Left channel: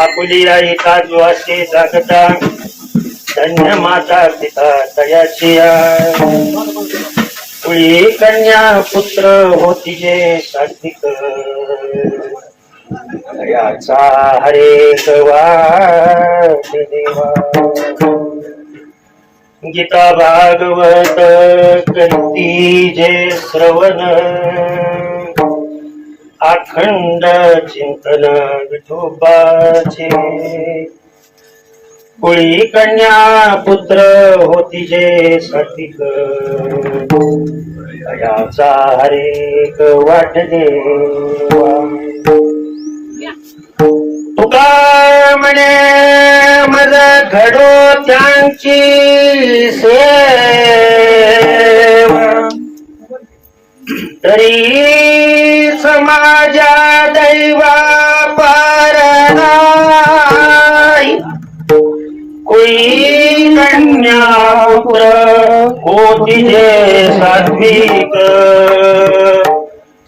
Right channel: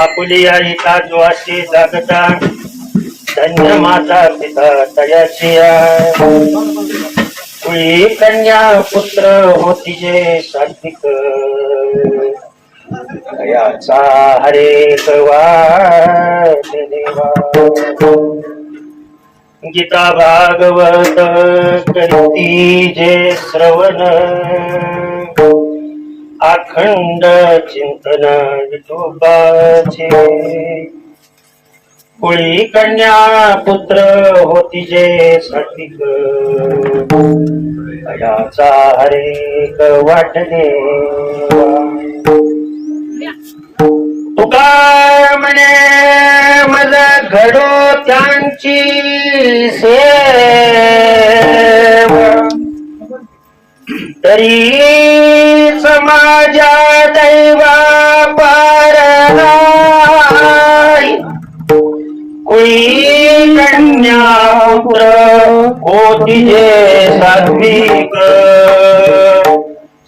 आपुली आईचा द्वासे जागता धन्य माता पिता तयाची कुळी कन्या पुत्र होती जे सात्विक याचा हरे वाट देवा गीता भागवत करती जे श्रवण अखंड चिंतन विठोबाचे कुळी कन्या पुत्र होती जे सात्विक याचा हरेक वाटणे तुका म्हणे मला घडो त्यांची सेवा तरी समाजा दैवा पार नाही कोई कन्या पुत्र होती जे सात्विक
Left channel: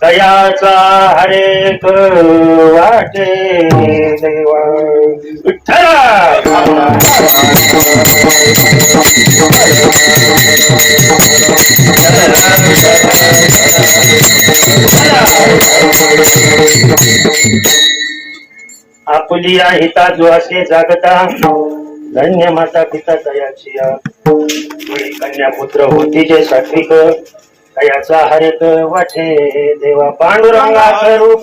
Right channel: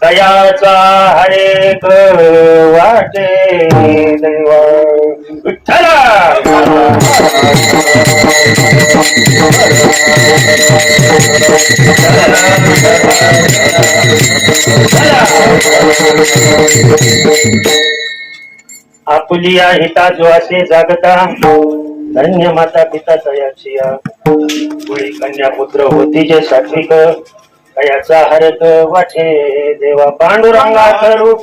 तयाचा हरेक वाटे देवा विठ्ठला आपुलिया हिता जोसे जागता धन्य माता पिता तयाची कुळी कन्या पुत्र होती जे सात्विक तयाचा हरक वाटे देवा पांडुरंगा करू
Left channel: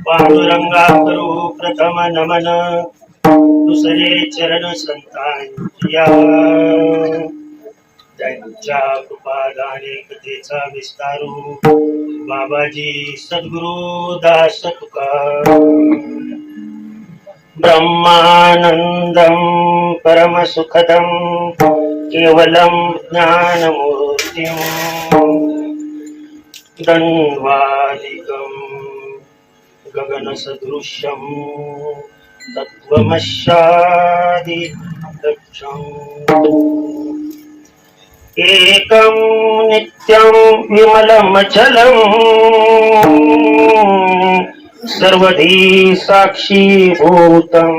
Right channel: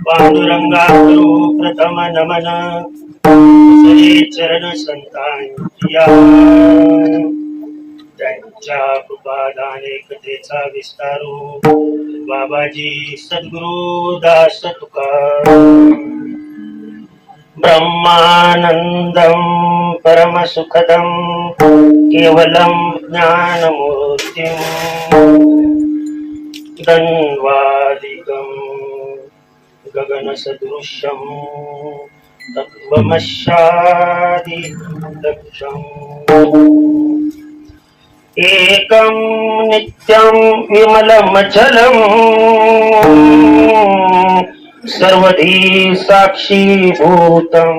पांडुरंगा करू प्रथम नमन दुसरे चरण संतांच्या त्यांच्या कृपादाने कथेचा विस्तारू बाबाजी सद्गुरु दास तुका ब्रह्मानंदम परम सुखदम केवलम ज्ञानमूर्तिम धन्वादिकम गगन सदृश्यम तत्वमशादि दक्षम एकम नित्यम विमलम चलम सर्वधी साक्षी भूतम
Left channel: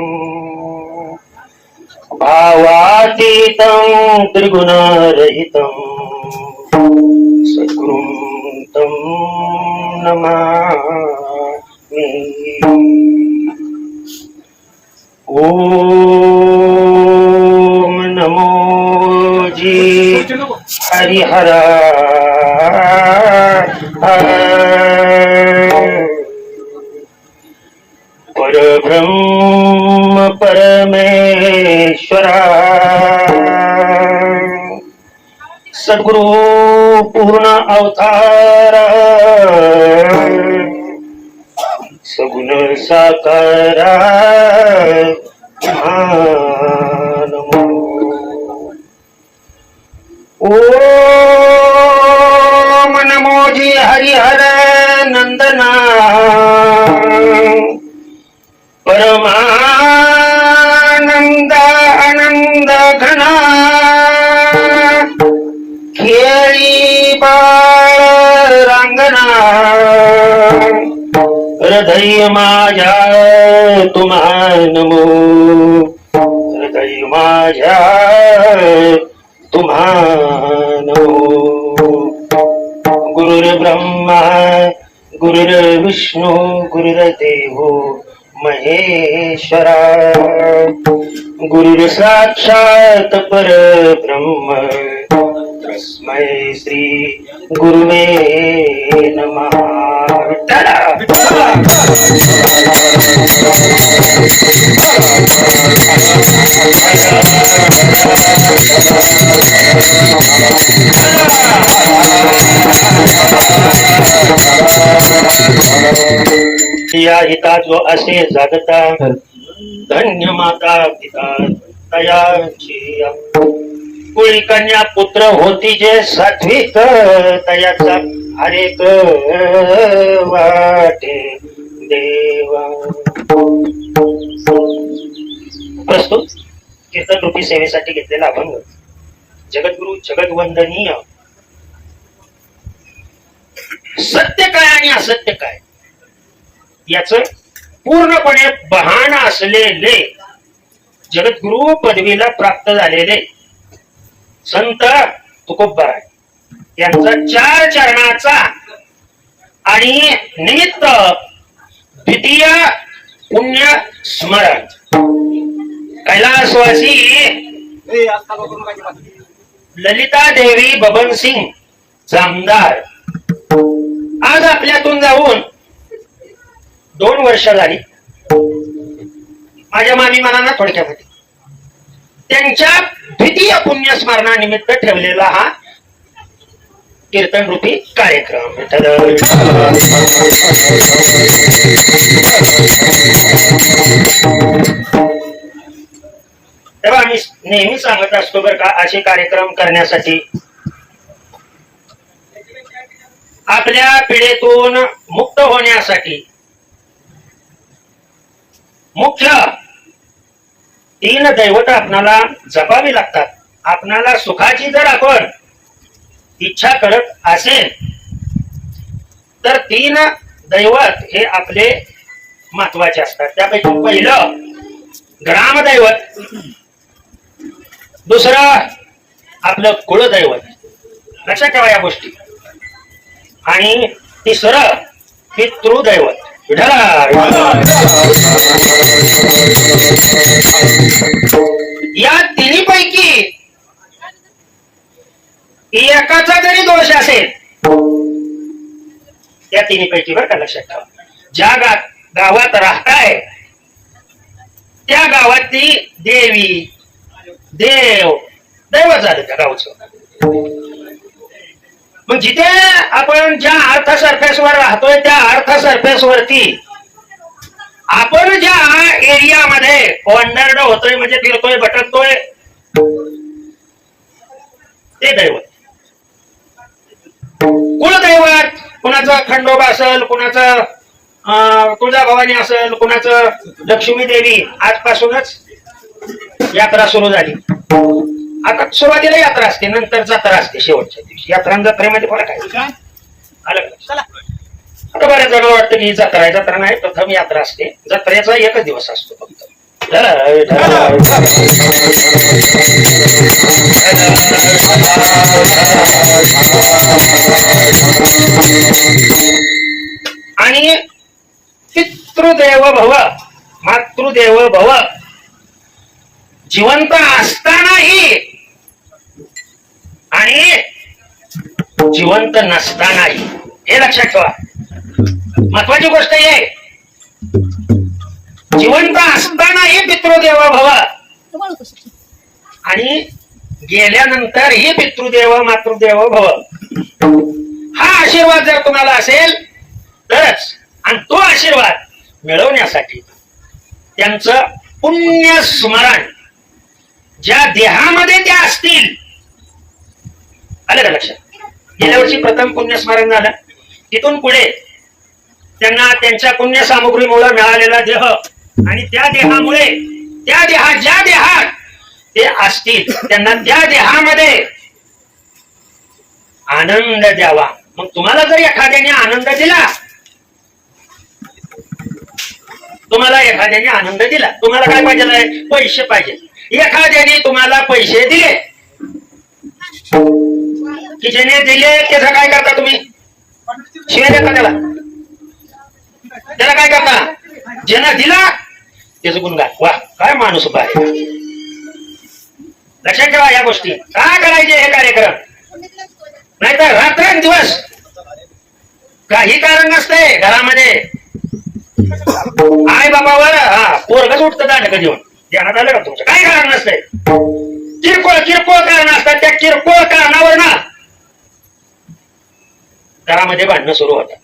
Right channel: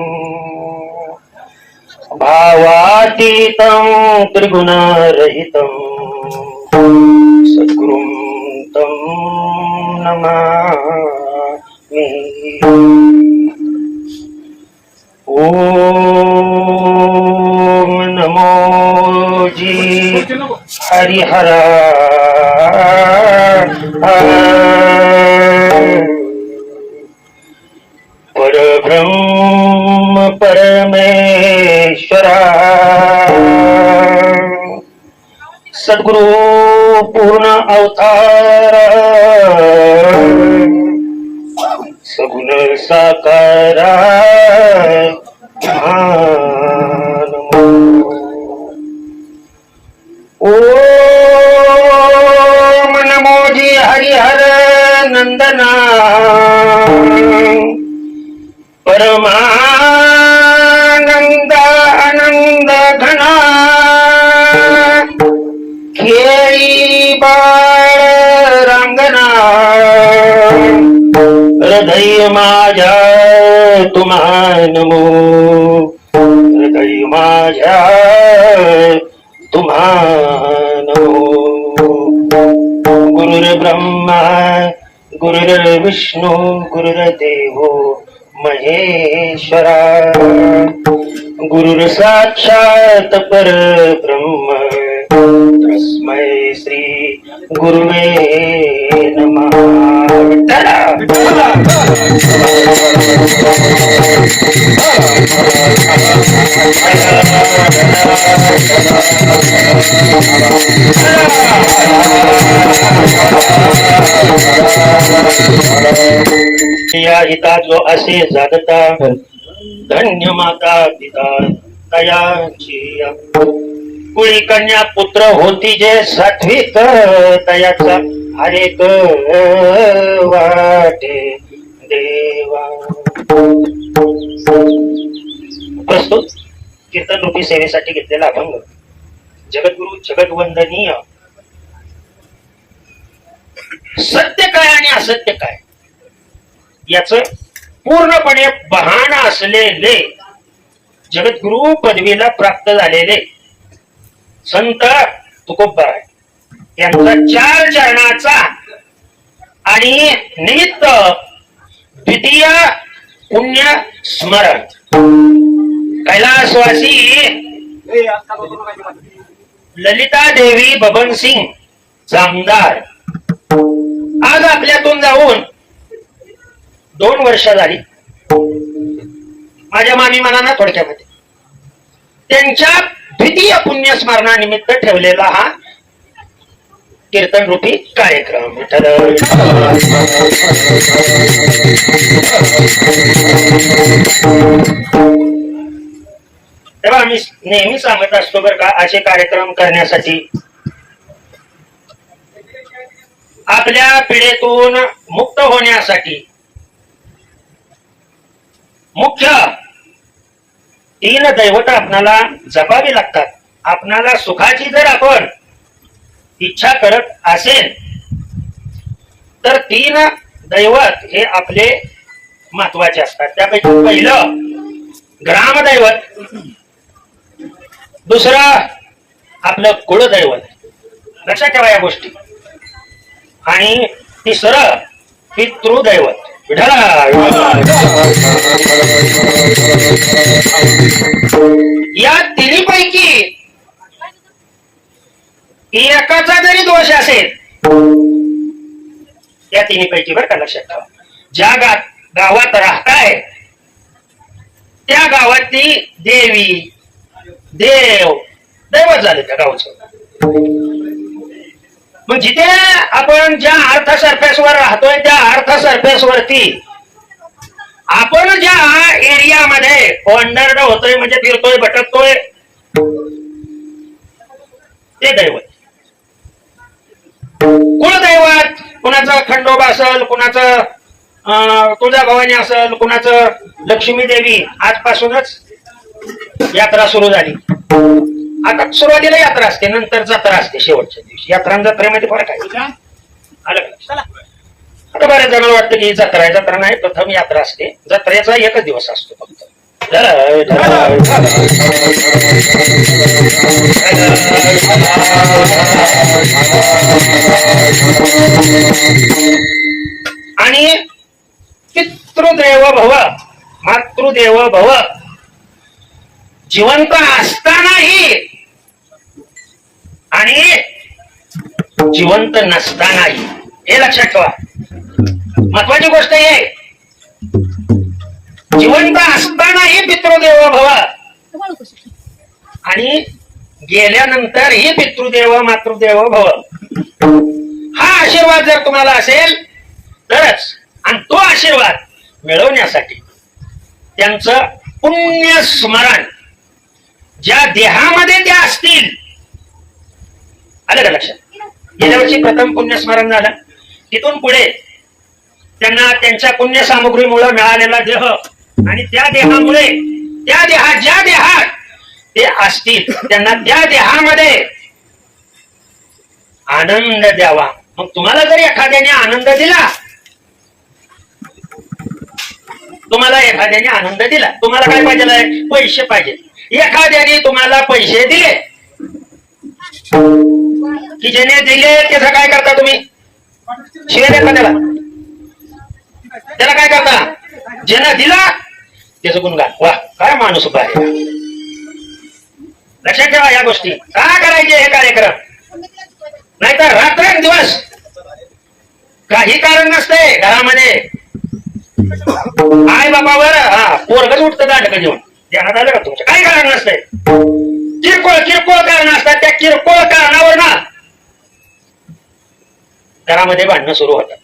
भावातीतं त्रिगुण रहितं सद्गुरुं तं नमामि। ओम नमो जी हरिहर परब्रह्म परमेश्वरा सद्गुरु पूर्ण अवतार सगुण साकारा ओम नमो जी हरिहर नंदना परमानंद आनंद घना खेळी बाळ रांगणा हृदय माझ्या तुम्हा नमो हृदय माझ्या तुम्हा नमो गुरुर्ब्रह्मा गुरुर्विष्णू गुरुर्देवो महेश्वरा गुरुर साक्षात परब्रह्म तस्मै श्री गुरुवे नमः. या हिता जो असे जगता धन्य माता पिता तयाची कुळी कन्या पुत्र होती जे सात्विक तयाचा हरेक वाटे देवा. प्रस्तुत कीर्तन रूपी सेवेसाठी घेतलेला अभंग जगद्गुरु जगद्वंदनीय. सत्य काय आणि असत्य काय याच पूर्णपणे बहाण असलेले जगद्गुरु पदवीला प्राप्त झालेले संत तुकोबाराय यांचा 4 चरणाचा आणि निमित्त द्वितीय पुण्य स्मरण कैलासवासी ललिता देवी बबन सिंग जामदार आज आपल्यातून जाऊन 2 वर्ष झाली. माझ्या मामी मनाना थोडक्यामध्ये त्यांच्या द्वितीय पुण्यस्मरणानिमित्त ठेवलेला हा कीर्तन रूपी कार्यक्रम. तेव्हा आम्ही नेहमी सांगत असतो बरं का, असे कार्यक्रम करण्यासाठी आपल्या पिढीतून मुक्त होण्यासाठी मुख्य 3 दैवत आपणाला जपावी लागतात. आपणाला सुखाची जर आपण इच्छा करत असेल तर 3 दैवत हे आपले महत्वाचे असतात. त्यापैकी पहिलं ग्रामदैवत, दुसरं आपलं कुळदैवत, लक्षात ठेवा या गोष्टी, आणि तिसरं पितृदैवत. या तिन्हीपैकी एकाचा जरी दोष असेल, या तिन्हीपैकी बरं का लक्षात ठेवा, ज्या गावात राहताय त्या गावातली देवी देव दैवत झाले त्या गावचं. मग जिथे आपण ज्या अर्थ सरफेसवर राहतोय त्या अर्थ सरफेसवरती आपण ज्या एरियामध्ये वंडर्ड होतोय म्हणजे फिरतोय भटकतोय ते दैवत. कुलदैवत कुणाचं खंडोबा असेल, कुणाचं तुळजाभवानी असेल, कुणाचं लक्ष्मी देवी. आजपासूनच यात्रा सुरू झाली. आता सुरुवातीला यात्रा असते, नंतर जत्रा असते शेवटच्या दिवशी. यात्रा आणि जत्रेमध्ये फरक आहे. आता बऱ्याच जण वाटतं की जत्रा आहे, जत्रा नाही, प्रथम यात्रा असते. जत्रेचा 1च दिवस असतो फक्त. आणि पितृदेव भव मातृदेव भव जिवंत असतानाही आणि जिवंत नसतानाही, हे लक्षात ठेवा. महत्वाची गोष्ट आहे, जिवंत असतानाही पितृदेव भव आणि गेल्यानंतरही पितृदेव मातृदेव भव. हा आशीर्वाद जर तुम्हाला असेल तरच, आणि तो आशीर्वाद मिळवण्यासाठी त्यांचं पुण्य स्मरण ज्या देहामध्ये त्या असतील, आलं का लक्षात. गेल्या वर्षी प्रथम पुण्यस्मरण झालं, तिथून पुढे त्यांना त्यांच्या पुण्य सामुग्रीमुळे मिळालेला देह आणि त्या देहामुळे त्या ज्या देहात ते असतील त्यांना त्या देहामध्ये आनंद द्यावा. मग तुम्हाला जर एखाद्याने आनंद दिला, तुम्हाला काय पाहिजे? पैसे पाहिजे. एखाद्याने तुम्हाला पैसे दिले की ज्याने दिले त्याचा काय करता तुम्ही? शिवाय एखाद्याला त्याला काय करता, ज्यानं दिला त्याचं गुणगान. वा काय माणूस उभा आहे. लक्षात ठेवा या गोष्टी. का करायचे हे कार्यक्रम, नाहीतर रात्रंदिवस काही कारण नसते घरामध्ये. आई बाबावर पोरगच उठतं दांडक घेऊन, ध्यानात आलं का तुमचं? काही कारण नसते, किरकोळ किरकोळ कारण असतात. त्या किरकोळ कारणावर ना घरामध्ये भांडणं सुरू होतात.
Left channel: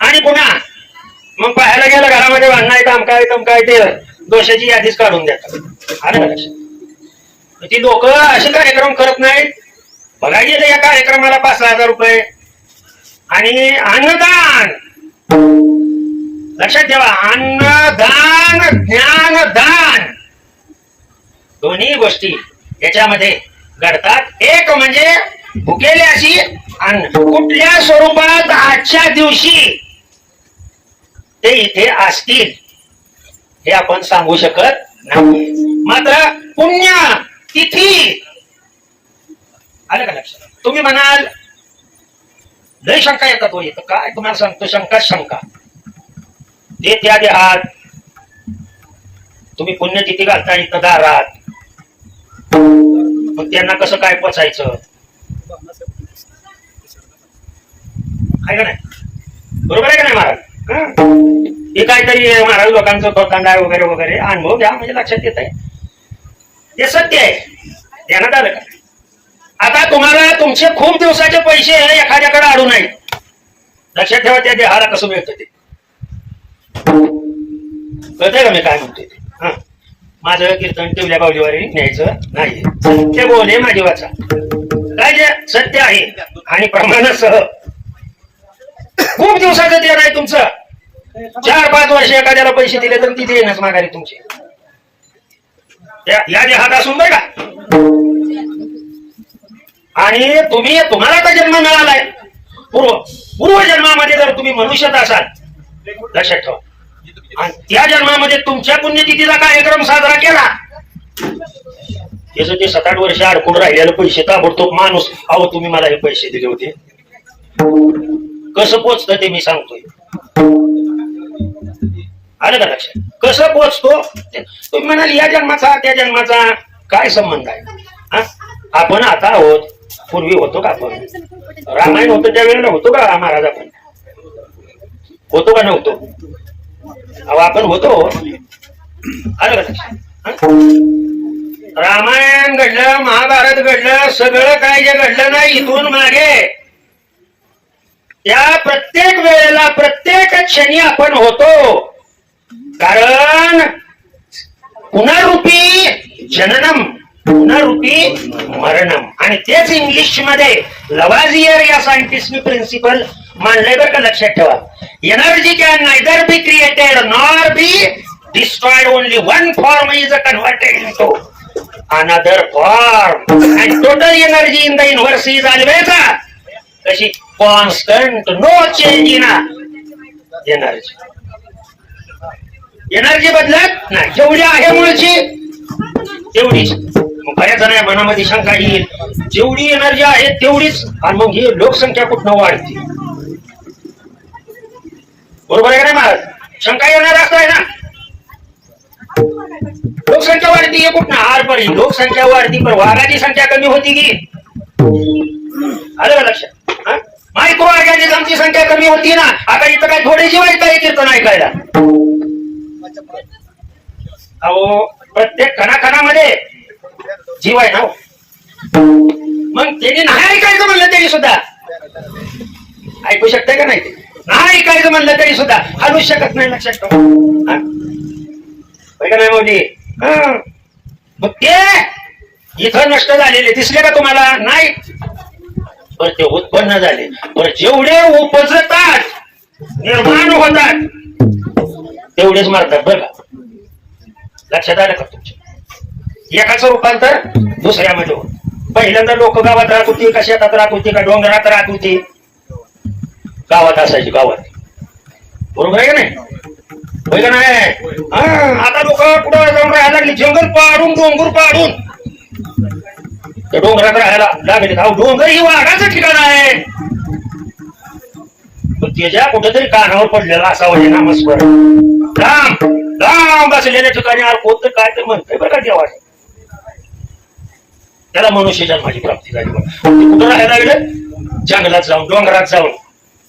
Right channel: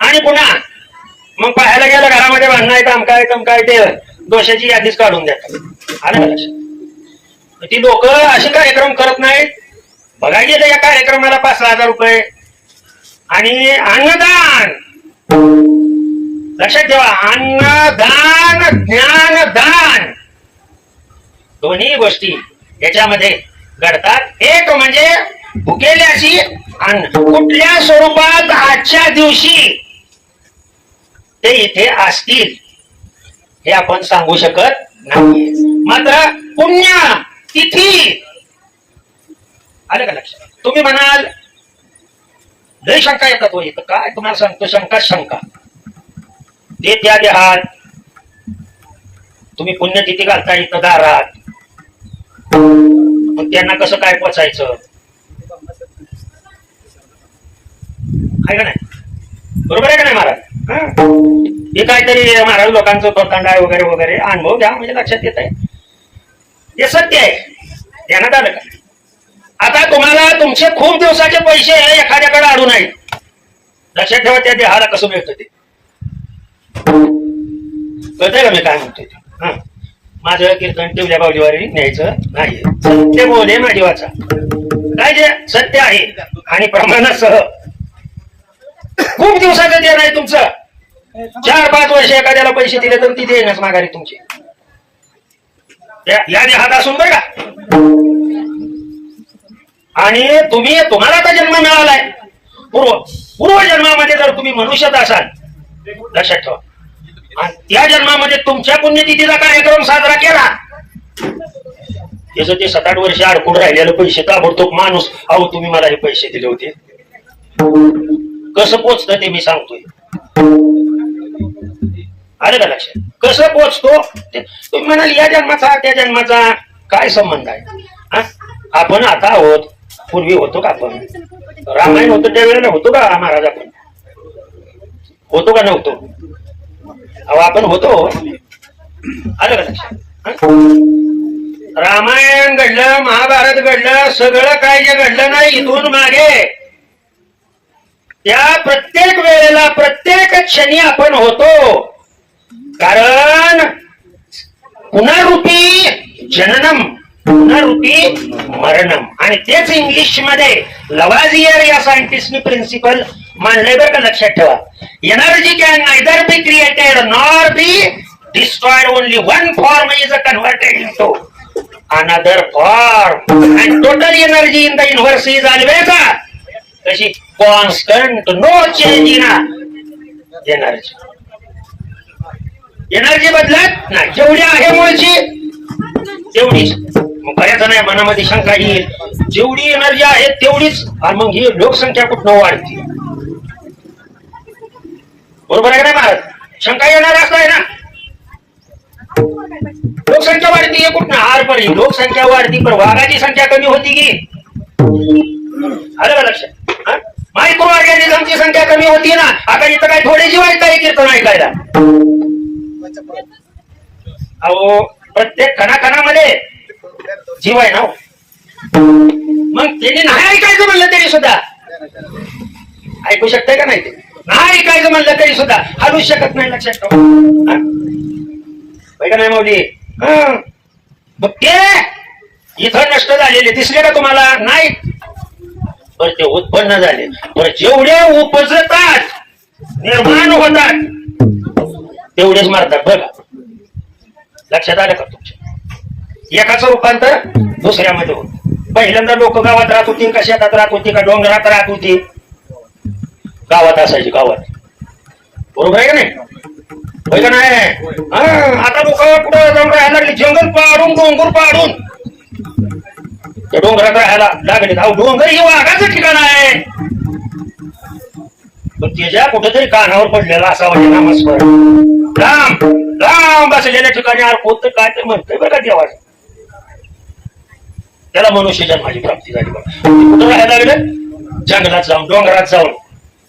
आणि पुन्हा मग पाहायला गेलं घरामध्ये भांडणं आहे, तम काय ते दोषाची यादीच काढून देतात. आलं का लक्षात? ती लोक असे कार्यक्रम करत नाहीत. बघायला गेले या कार्यक्रमाला 5,000 रुपये. आणि अन्नदान, लक्षात ठेवा, अन्नदान ज्ञानदान दोन्ही गोष्टी याच्यामध्ये घडतात. एक म्हणजे भुकेल्याची अन्न, कुठल्या स्वरूपात आजच्या दिवशी ते इथे असतील हे आपण सांगू शकत नाही. मात्र पुण्य तिथी, आलं का लक्षात? तुम्ही म्हणाल लय शंका येतात, हो येतं काय तुम्हाला सांगतो, शंका ते त्या देहात तुम्ही पुण्यतिथी घालता इथं दारात, मग त्यांना कसं काय पोचायचं आहे का नाही? बरोबर आहे का नाही महाराज? हे काहीतरी महाराज लोकांचं तोतांडा वगैरे वगैरे अनुभव घ्या म्हणजे लक्षात येत आहे. हे सत्य आहे, ध्यानात आलं का? आता तुम्हाला तुमचे खूप दिवसाचे पैसे एखाद्याकडे अडून आहेत. लक्षात ठेवा त्या देहाला कसं मिळतं ते. कळतंय का मी काय म्हणतोय ते? माझं कीर्तन टिवल्या बावलीवारी न्यायचं नाही. सत्य बोले माझी वाचा, काय जे सत्य आहे आणि प्रमाणासह खूप दिवसाचं देण आहे तुमचं. 4-5 वर्ष एखाद्याला पैसे दिले तर ती देणच माघारी तुमची या देहात असून बघा. आणि तुम्हाला आता जन्म मिळालाय, पूर्वजन्मामध्ये जर तुम्ही मनुष्यात असाल, लक्षात ठेवा, आणि त्या जन्मामध्ये तुमच्या पुण्यतिथीचा कार्यक्रम साजरा केला, त्याचं ते 7-8 वर्ष अडकून राहिलेलं पैसे ताबडतोब माणूस, अहो तुम्ही मला हे पैसे दिले होते, कसं पोचतं ते मी सांगतोय. आलं का लक्षात? कसं पोचतो तुम्ही म्हणाल, या जन्माचा त्या जन्माचा काय संबंध आहे? आपण आता आहोत, पूर्वी होतो का आपण? रामायण होतं त्यावेळेला होतो का महाराज? आपण होतो का नव्हतो? अहो आपण होतो. आलं का लक्षात? रामायण घडलं, महाभारत घडलं, सगळं काय जे घडलं नाही इथून मागे, त्या प्रत्येक वेळेला प्रत्येक क्षणी आपण होतो. कारण पुनरुपी जननम पुनरुपी मरणम, आणि तेच इंग्लिश मध्ये लवाझियर या सायंटिस्टने प्रिन्सिपल मांडलंय बरं का? लक्षात ठेवा. Energy can neither be created nor be destroyed, only one form is converted into another form, and total energy in the universe is always कशी constant, no change in energy. Energy बदलत नाही, जेवढी आहे मुळची तेवढीच. बऱ्याच जण मनामध्ये शंका येईल, जेवढी एनर्जी आहे तेवढीच, आणि मग ही लोकसंख्या कुठं वाढते? बरोबर आहे ना महाराज? शंका येणार असं आहे ना, लोकसंख्या वाढती कुठं? आरपरी लोकसंख्या वाढती, पण वाघाची संख्या कमी होती की? आलं का लक्षात? मायक्रो ऑर्गॅनिझमची संख्या कमी होती ना. आता इथं काय थोडी जीवायचं आहे कीर्तन ऐकायला? अहो प्रत्येक कणाकणामध्ये जीव आहे ना. मग त्यांनी नाही ऐकायचं म्हणलं तरी सुद्धा ऐकू शकते का? नाही, नाही ऐकायचं म्हणलं तरी सुद्धा हलूच शकत नाही. लक्षात ठेवा. मग ते इथं नष्ट झालेले दिसले का तुम्हाला? नाही, पण ते उत्पन्न झाले. पण जेवढे उपजतात, निर्माण होतात, तेवढेच मारतात बघा. लक्षात आलं का तुमच्या? एकाचं रूपांतर दुसऱ्यामध्ये होत. पहिल्यांदा लोक गावात राहत होती का शेतात राहत होती का डोंगरात राहत होती? गावात असायची, गावात. बरोबर आहे का नाही? का नाही? आता लोक कुठं जाऊन राहायला लागले, जंगल पाडून डोंगर पाडून त्या डोंगरात राहायला लागले. डोंगर हे वाघाचं ठिकाण आहे. पण त्याच्या कुठेतरी कानावर पडलेला असावा हे नामस्मरण. लांब लांब बसलेल्या ठिकाणी कोणतं काय तर म्हणतंय बरं का देवा. त्याला मनुष्य जन्माची प्राप्ती झाली. कुठं राहायला लागले? जंगलात जाऊन डोंगरात जाऊन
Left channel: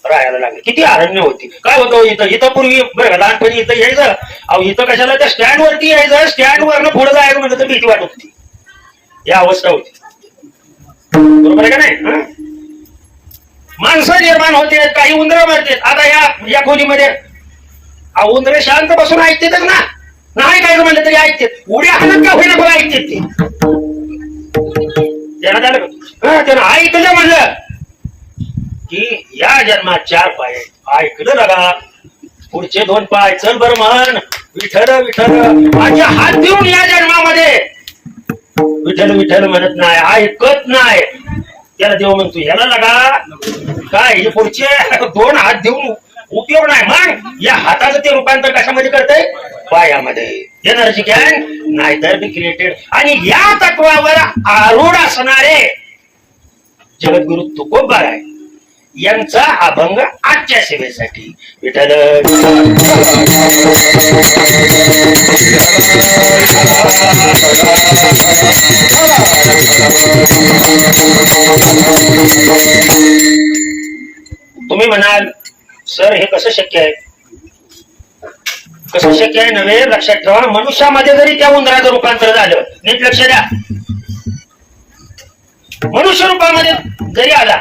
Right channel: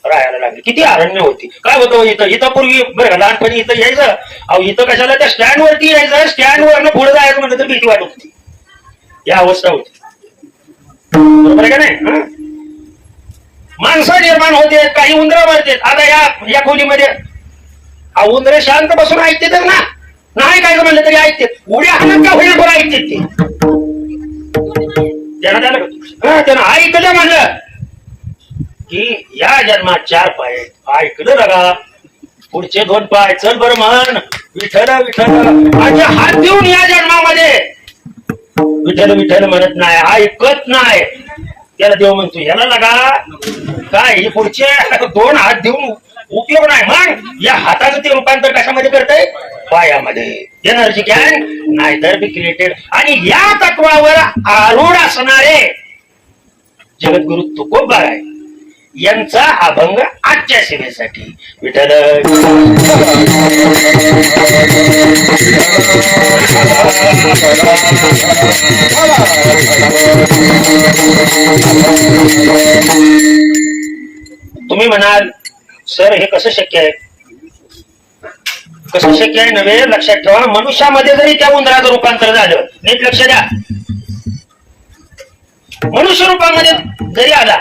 राहायला लागले. किती अरण्य होती. काय होतं इथं इथं पूर्वी बरं लहानपणी इथं यायचं. अहो इथं कशाला त्या स्टँड वरती यायचं. स्टँड वरनं पुढे जायचं म्हणलं तर भीती वाटत होती. या अवस्था होती. बरोबर आहे का नाही? माणसं निर्माण होते. काही उंदरा मारते. आता या खोलीमध्ये उंदरे शांत बसून ऐकते तर ना नाही काय म्हणलं तरी ऐकते. उड्या हाणत का होईना पण ऐकते ते. त्यानं ऐकलं म्हणलं की या जन्मात 4 पाय ऐकलं बघा. पुढचे 2 पाय चल बरं म्हण विठ्ठल विठ्ठल. माझ्या हात देऊन या जन्मामध्ये विठ्ठल विठ्ठल म्हणत नाही, ऐकत नाही. त्याला देव म्हणतो याला लगा काय हे पुढचे 2 हात देऊन उपयोग नाही. मग या हाताचं ते रूपांतर कशामध्ये करतंय? पायामध्ये. एनर्जी कॅन नाही तर बी क्रिएटेड. आणि या तत्वावर आरूढ असणारे जगद्गुरु तुकोबा आहे यांचा अभंग आजच्या सेवेसाठी. विठ्ठल तुम्ही म्हणाल सर हे कसं शक्य आहे? कसं शक्य आहे नव्हे, लक्षात ठेवा. मनुष्यामध्ये जरी त्या उंदराचं रूपांतर झालं, नीट लक्ष द्या. मनुष्य रूपामध्ये जरी आला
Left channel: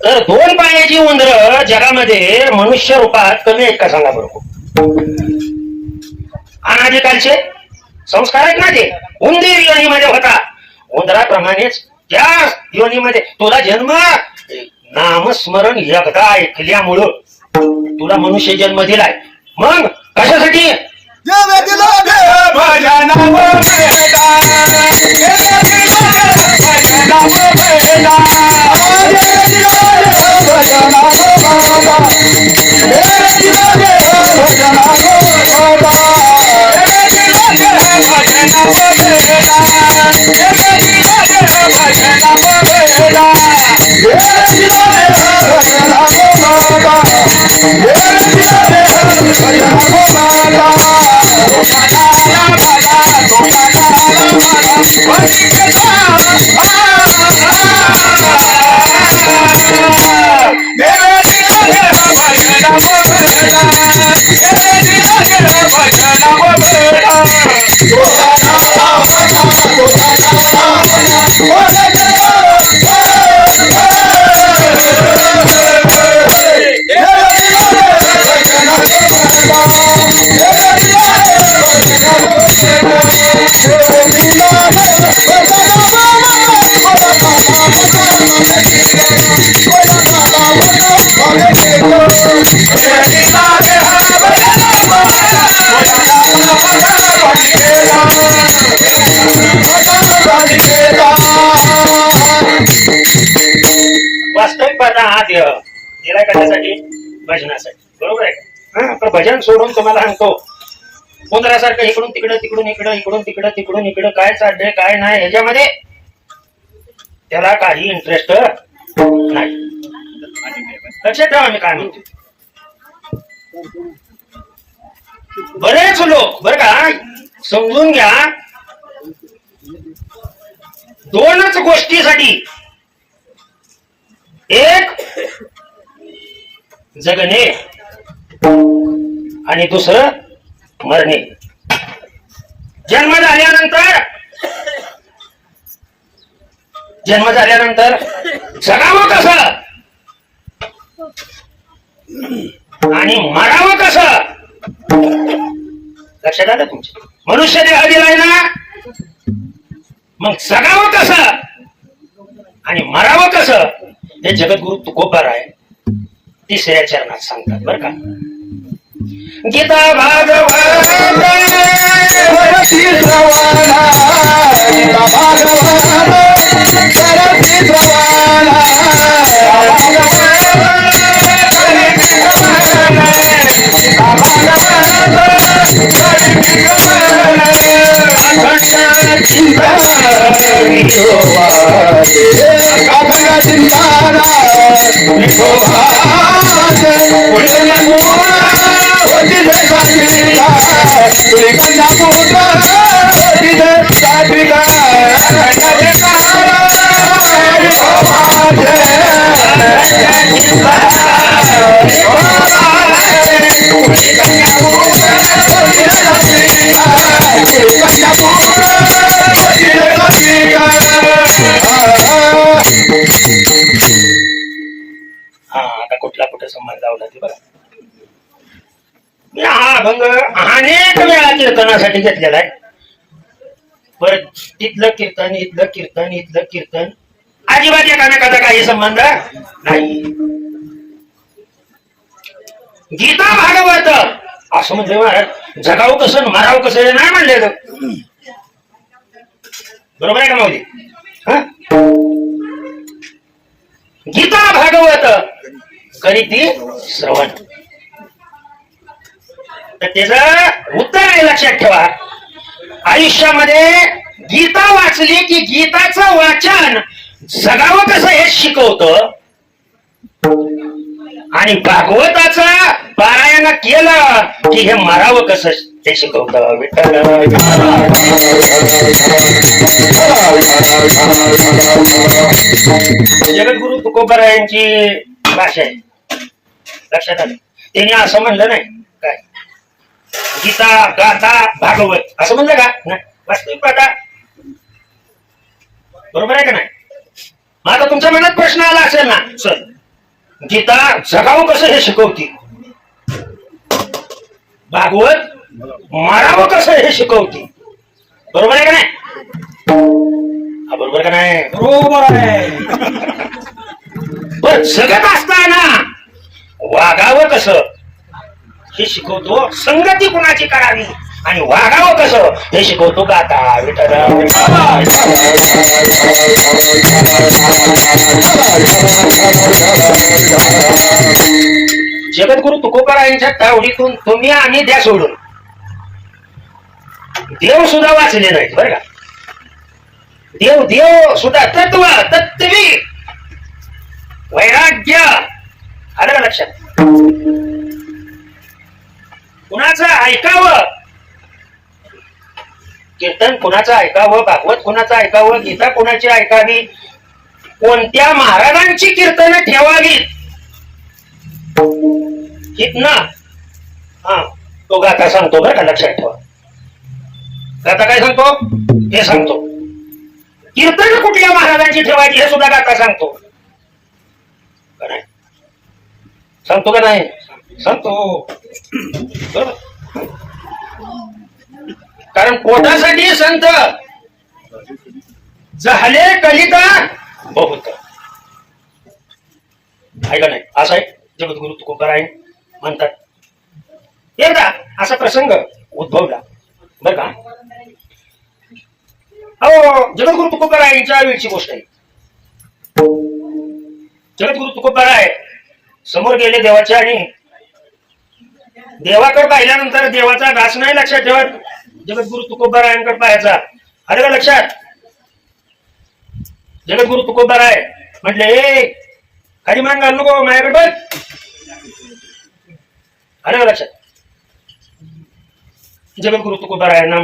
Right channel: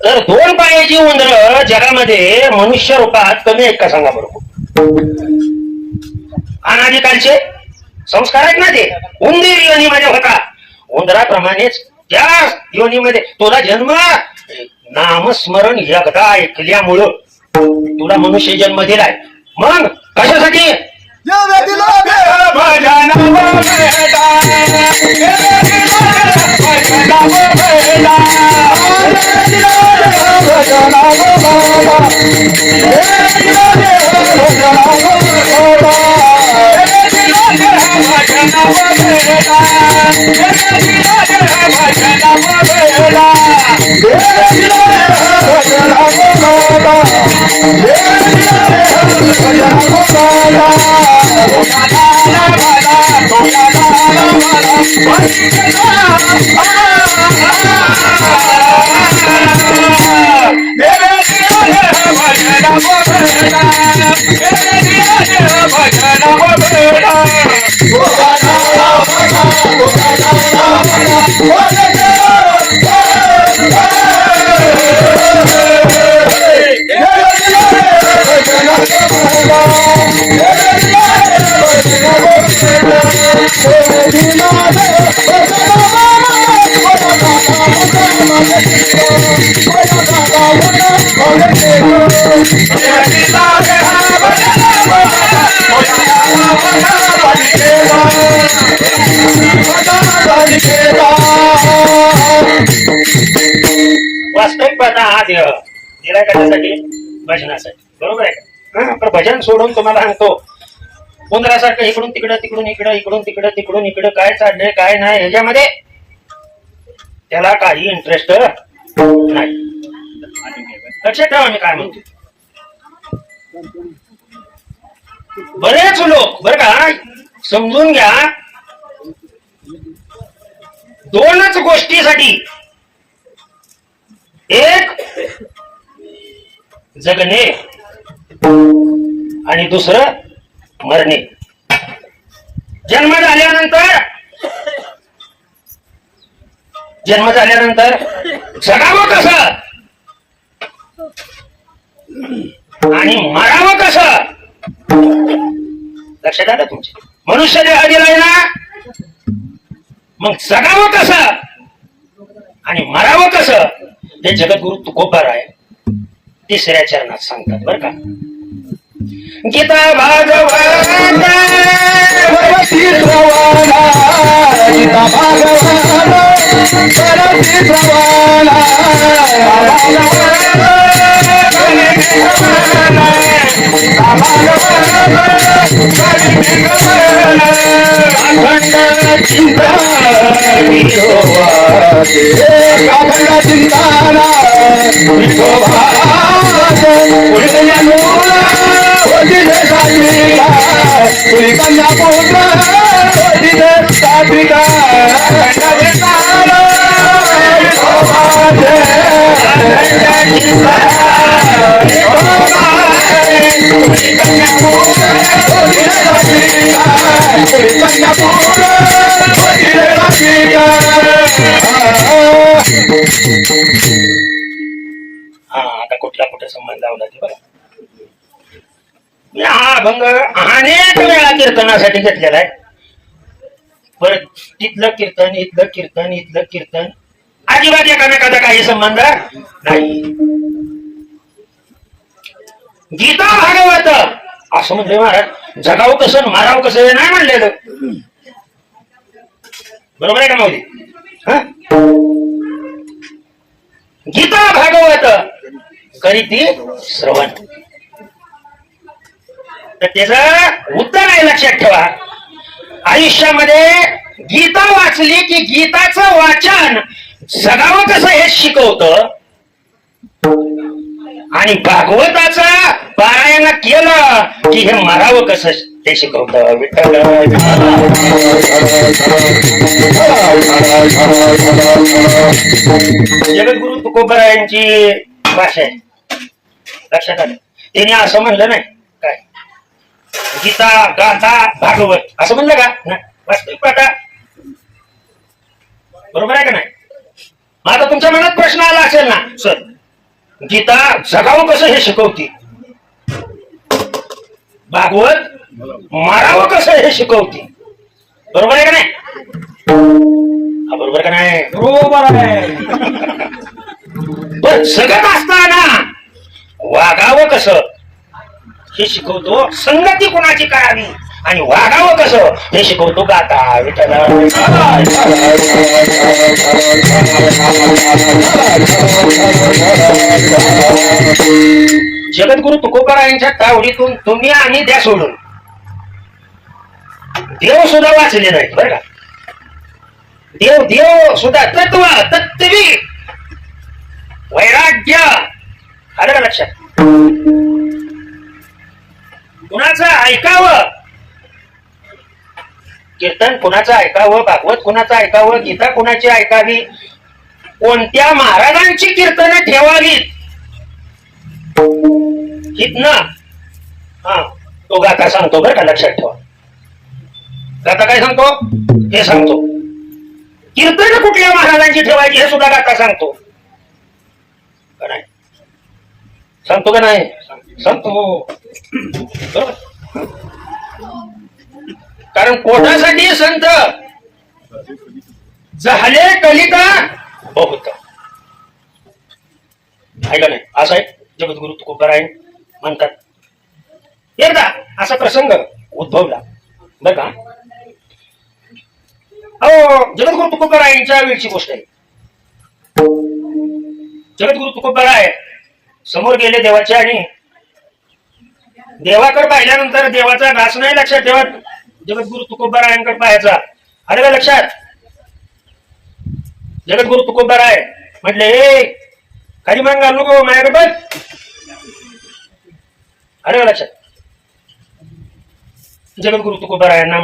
तर 2 पायाची उंदर जगामध्ये मनुष्य रूपात कमी आहेत का सांगा बरोबर. अनादिकालचे संस्कार आहेत ना ते. उंदीर योनीमध्ये होता. उंदराप्रमाणेच त्या योनीमध्ये तुला जन्म नामस्मरण एकदा ऐकल्यामुळं तुला मनुष्य जन्म दिलाय. मग कशासाठी? वास्तविक पाहता हा देह दिला कशासाठी? भजनासाठी. बरोबर आहे. पण भजन सोडून तुम्हाला सांगतो उंदरासारखं इकडून तिकडं तिकडून इकडं इकडून तिकडं तिकडून इकडं काय चाललंय काय नाही ह्याच्यामध्ये त्याला काही इंटरेस्ट नाही. लक्षात ठेवा मी काय म्हणतो. बरेच लोक बरं का समजून घ्या 2च गोष्टीसाठी, एक जगणे आणि दुसरं मरणे. जन्म झाल्यानंतर जगावं कसं आणि मरावं कसं? लक्षात आलं तुमच्या? मनुष्य देह दिलाय ना, मग जगावं कसं आणि मरावं कसं हे जगद्गुरु तुकोबार आहे 3ऱ्या चरणात सांगतात बरं का. गीता भागवत चिंता आता कुठला कुठे संबंध लावला ते बघा. हा अभंग अनेक वेळा कीर्तनासाठी घेतलेला आहे. परत तिथलं कीर्तन इथलं कीर्तन इथलं कीर्तन अजिबात एकामेकाचा काही संबंध नाही. गीता भागवत असं म्हणजे महाराज जगाव कसं माराव कसं नाही म्हणलेलं. बरोबर आहे का माऊली? गीता भागवत करीती श्रवण. तर त्याचं उत्तर आहे लक्षात ठेवा. आयुष्यामध्ये गीता वाचली की गीताचं वाचन जगावं कसं हे शिकवतं आणि भागवताचं पारायण केलं की हे मरावं कसं ते शिकवतं. विठ्ठल जगद्गुरु तुकोबारायांची भाषा आहे. लक्षात आलं? त्यांनी असं म्हणलं नाही काय गीता गाथा भागवत असं म्हणलं का नाही. वास्तविक पाठा बरोबर आहे का नाही? मग आता तुमच्या मनात प्रश्न आला असेल ना सर गीता जगावं कसं हे शिकवती, भागवत मारावं कसं हे शिकवती. बरोबर आहे का नाही? बरोबर का नाही? बरोबर आहे. पण जगत असताना वागावं कसं हे शिकवतो. संगती कुणाची करावी आणि वागावं कसं हे शिकवतो गाथा. जगद्गुरु तुकोबारायांच्या तावडीतून तुम्ही आणि द्या सोडून देव सुद्धा वाचले नाहीत बरं का. देव देव सुद्धा तत्व तत्वी वैराग्य आलं लक्षात. कुणाचं ऐकावं कीर्तन कुणाचं ऐकावं, भागवत कुणाचं ऐकावं, गीता कुणाची ऐकावी, कोणत्या महाराजांची कीर्तन ठेवावीत हितनं हा तो गाथा सांगतो बरं का. लक्षात ठेवा. गाथा काय सांगतो हे सांगतो. कीर्तन कुठल्या महाराजांची ठेवायची हे सुद्धा गाथा सांगतो का नाही? सांगतो का नाही? सांगतो. बरोबर. कारण कोणासाठी संत झाले कलिता बहुत ऐका नाही. असं आहे जगद्गुरु तुकोबाराय म्हणतात. एकदा असा प्रसंग उद्भवला बर का. हो जगद्गुरु तुकोबारायांच्या वेळची गोष्ट आहे. जगद्गुरु तुकोबाराय समोर गेले देवाच्या आणि देवाकडे पाहिल्यानंतर देवाचा घास नाही लक्षात ठेवत. जगद्गुरु तुकोबारायांकडे पाहायचा. अरे का लक्षात. जगद्गुरु तुकोबाराय म्हटले ए खाली मान घाल नको माझ्याकडे बघ. अरे का लक्षात. जगद्गुरु तुकोबारायांना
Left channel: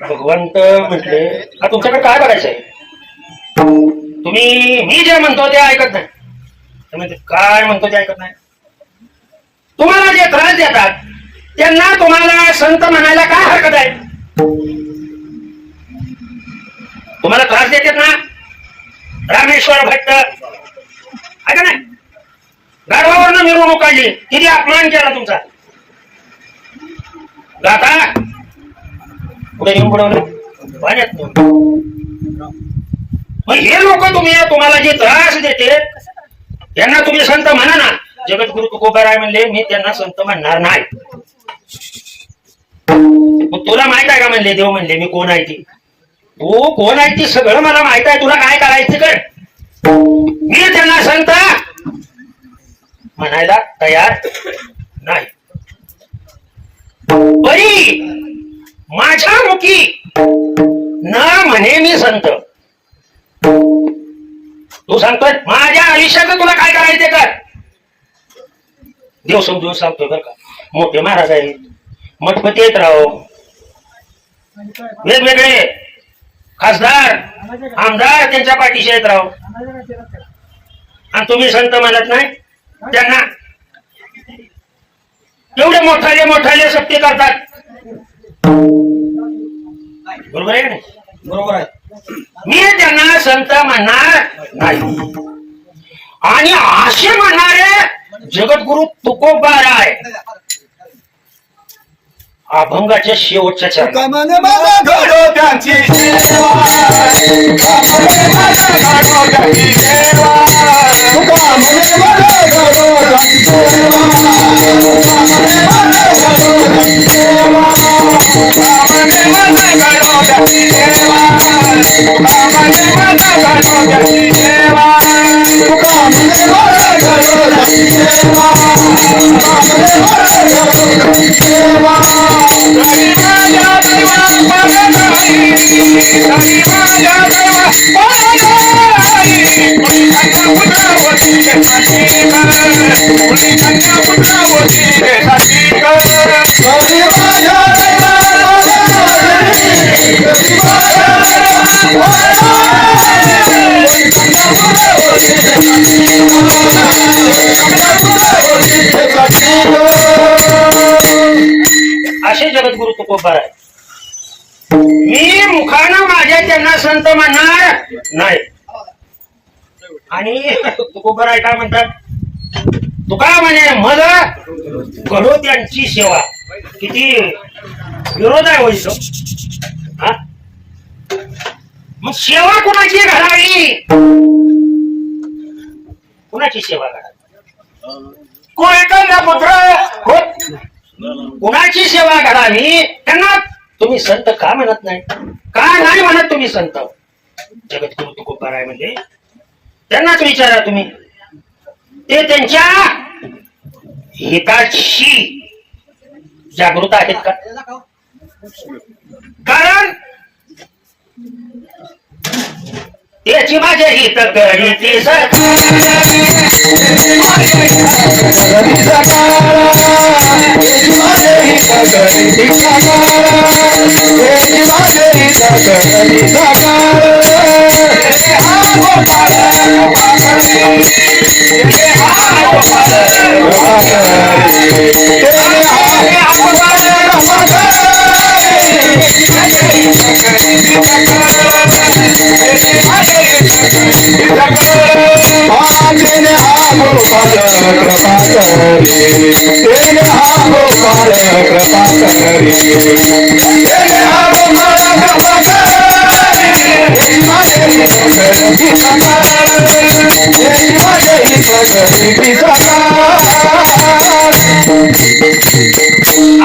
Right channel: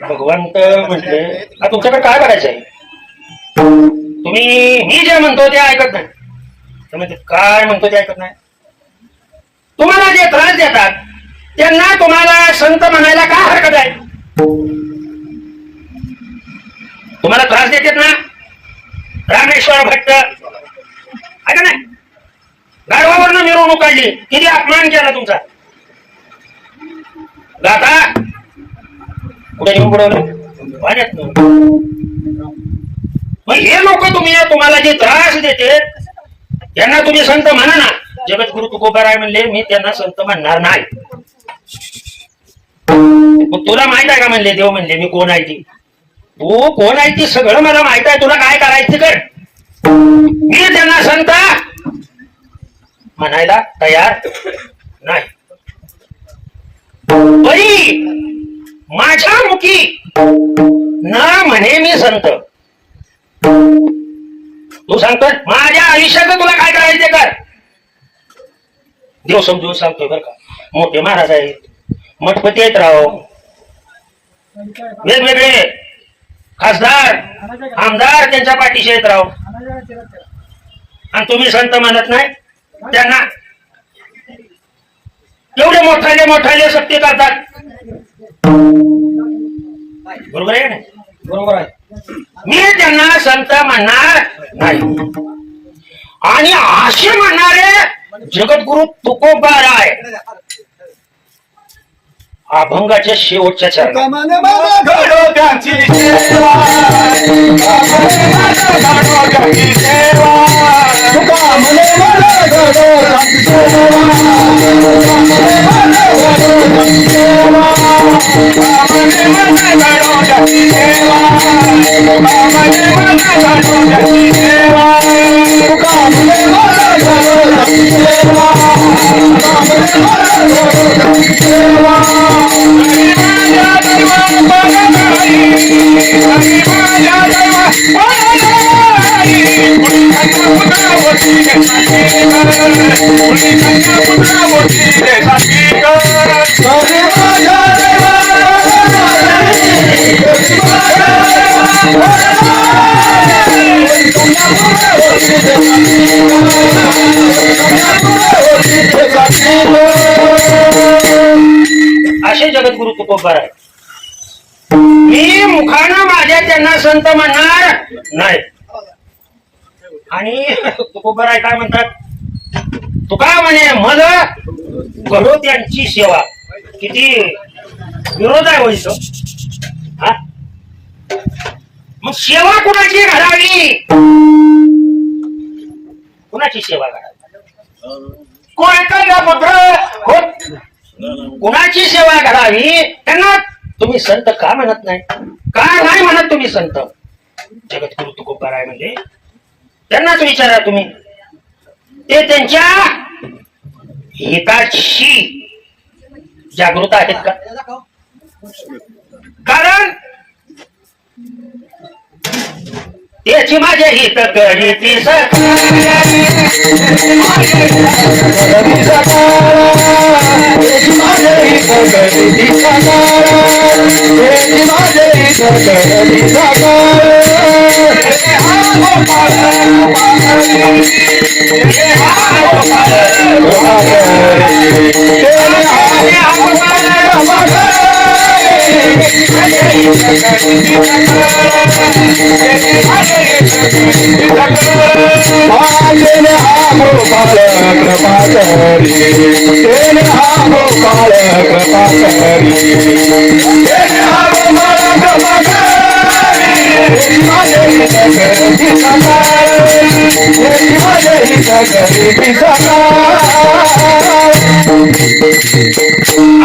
भगवंत म्हटले तुमच्याकडे काय करायचंय. तुम्ही मी जे म्हणतो ते ऐकत नाही. तुम्ही काय म्हणतो ते ऐकत नाही. तुम्हाला जे त्रास देतात त्यांना तुम्हाला संत म्हणायला काय हरकत आहे. तुम्हाला त्रास देतात ना रामेश्वर भट्ट ऐका नाही. गर्भावरनं मिरवणूक काढली किती अपमान केला तुमचा. गाथा पुढे येऊन बुडवले पाण्यात. मग हे लोक तुम्हाला जे त्रास देते त्यांना तुम्ही संत म्हणा ना. जगद्गुरु तुकोबाराय म्हणले मी त्यांना संत म्हणणार नाही. तुला माहित आहे का म्हणले देव म्हणले मी कोण आहे ती. तू कोण आहे ती सगळं मला माहित आहे. तुला काय करायचं कर. मी त्यांना संत म्हणायला तयार नाही. परी माझ्या मुखी न म्हणे मी संत. तू सांगतोय माझ्या आयुष्यात तुला काय करायचे कर. देव समजून सांगतोय बरं का. मोठे महाराज आहेत मठपती आहेत राव, वेगवेगळे खासदार आमदार त्यांच्या पाठीशी आहेत राव, आणि तुम्ही संत म्हणत नाही त्यांना. एवढे मोठाले मोठाले सत्य करतात. बरोबर आहे ना? बरोबर आहे. मी त्यांना संत म्हणणार नाही. आणि असे म्हणणारे जगद्गुरु तुकोबाराय अभंगाच्या शेवटच्या चरणात असे जगद्गुरु तुकोबाराय. मी मुखानं माझ्या त्यांना संत म्हणणार नाही. आणि तुकोबाराय काय म्हणतात? तुका म्हणे मला घडो त्यांची सेवा. किती विरोध आहे होईल तो. मग सेवा कुणाची घडावी? कुणाची सेवा घडावी? कुणाची सेवा घडावी त्यांना तुम्ही संत का म्हणत नाही? का नाही म्हणत तुम्ही संत? जगद्गुरु तुकोबाराय म्हणजे त्यांनाच विचारा तुम्ही. ते त्यांच्या हिताशी जागृत आहेत का? कारण त्याची माझ्या हित करीती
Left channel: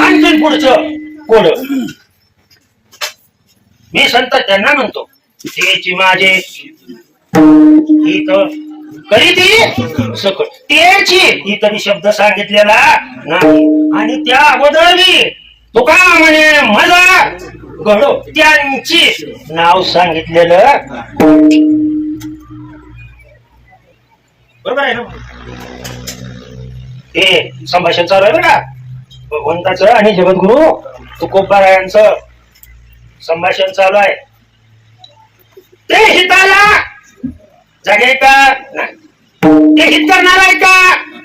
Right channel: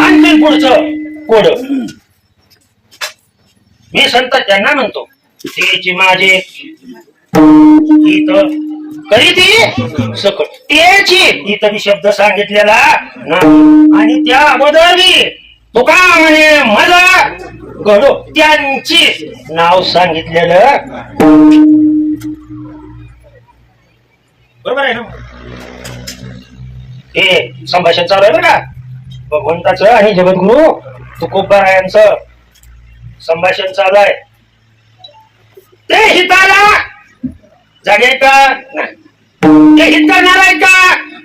आणखी पुढचं कोड. मी संत त्यांना म्हणतो त्याची माझे हित करीती सकट. त्याची हित शब्द सांगितलेला आणि त्या अगोदर मी तुका म्हणे मला घडो त्यांची नाव सांगितलेलं. बरोबर आहे ना? हे संभाषण चालू आहे बघा भगवंताचं आणि जगद्गुरु तुकोबारायांचं संभाषण चालू आहे. ते हिताला जगे का नाही? ते हित करणार आहे का?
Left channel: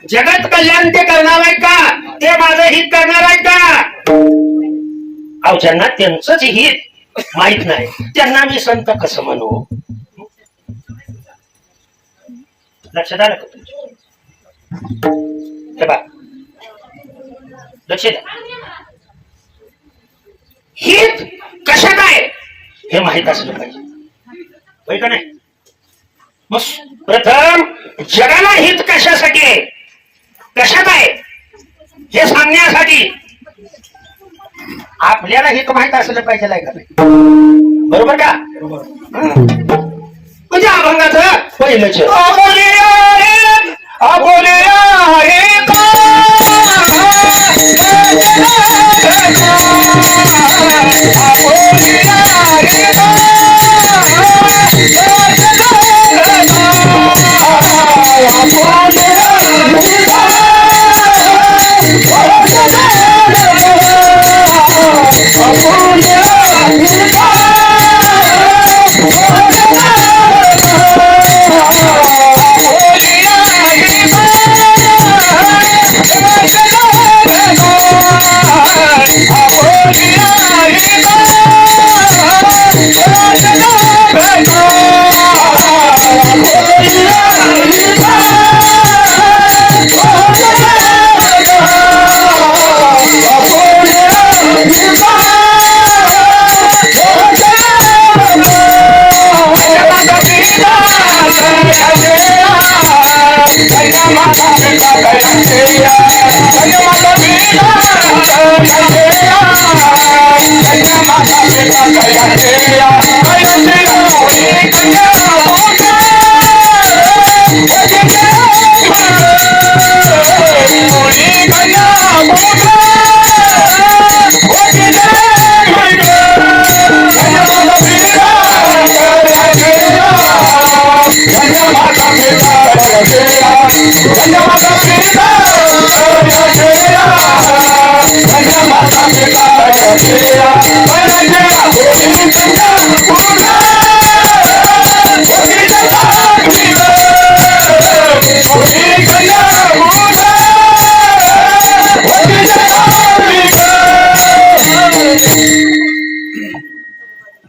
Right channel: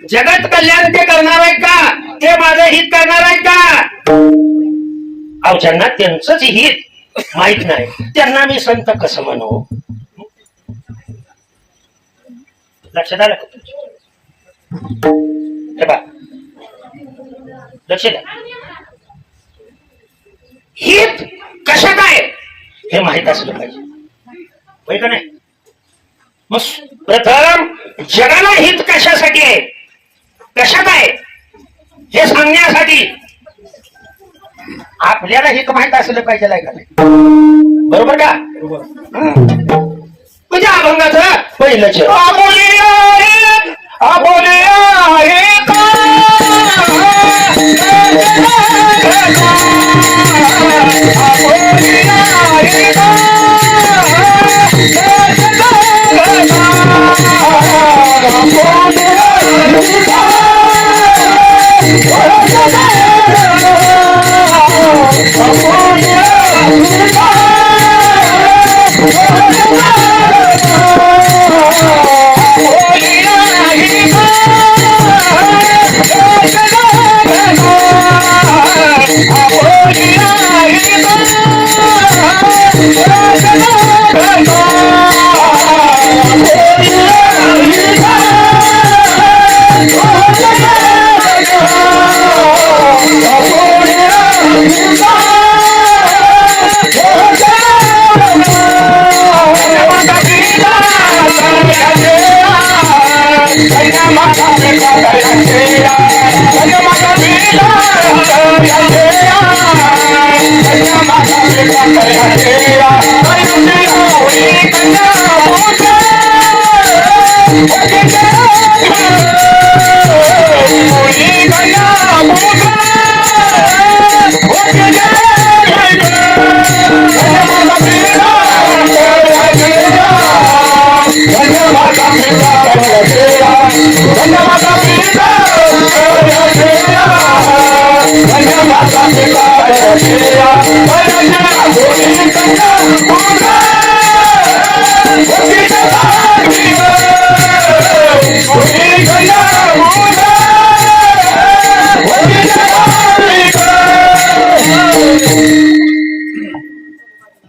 जगत कल्याण ते करणार आहे का? ते माझं हित करणार आहे का? अहो ज्यांना त्यांचंच हित माहित नाही त्यांना मी संत कसं म्हणू? लक्षात आलं का? हे बघ लक्ष द्या. हित कशात आहे हे माहित असलं पाहिजे, होय का नाही? मग प्रथम जगाला हित कशासाठी आहे, कशात आहे हे सांगण्यासाठी आपल्याला हित माहित असलं पाहिजे का नाही? बरोबर का? म्हणजे अभंगाचं पहिलं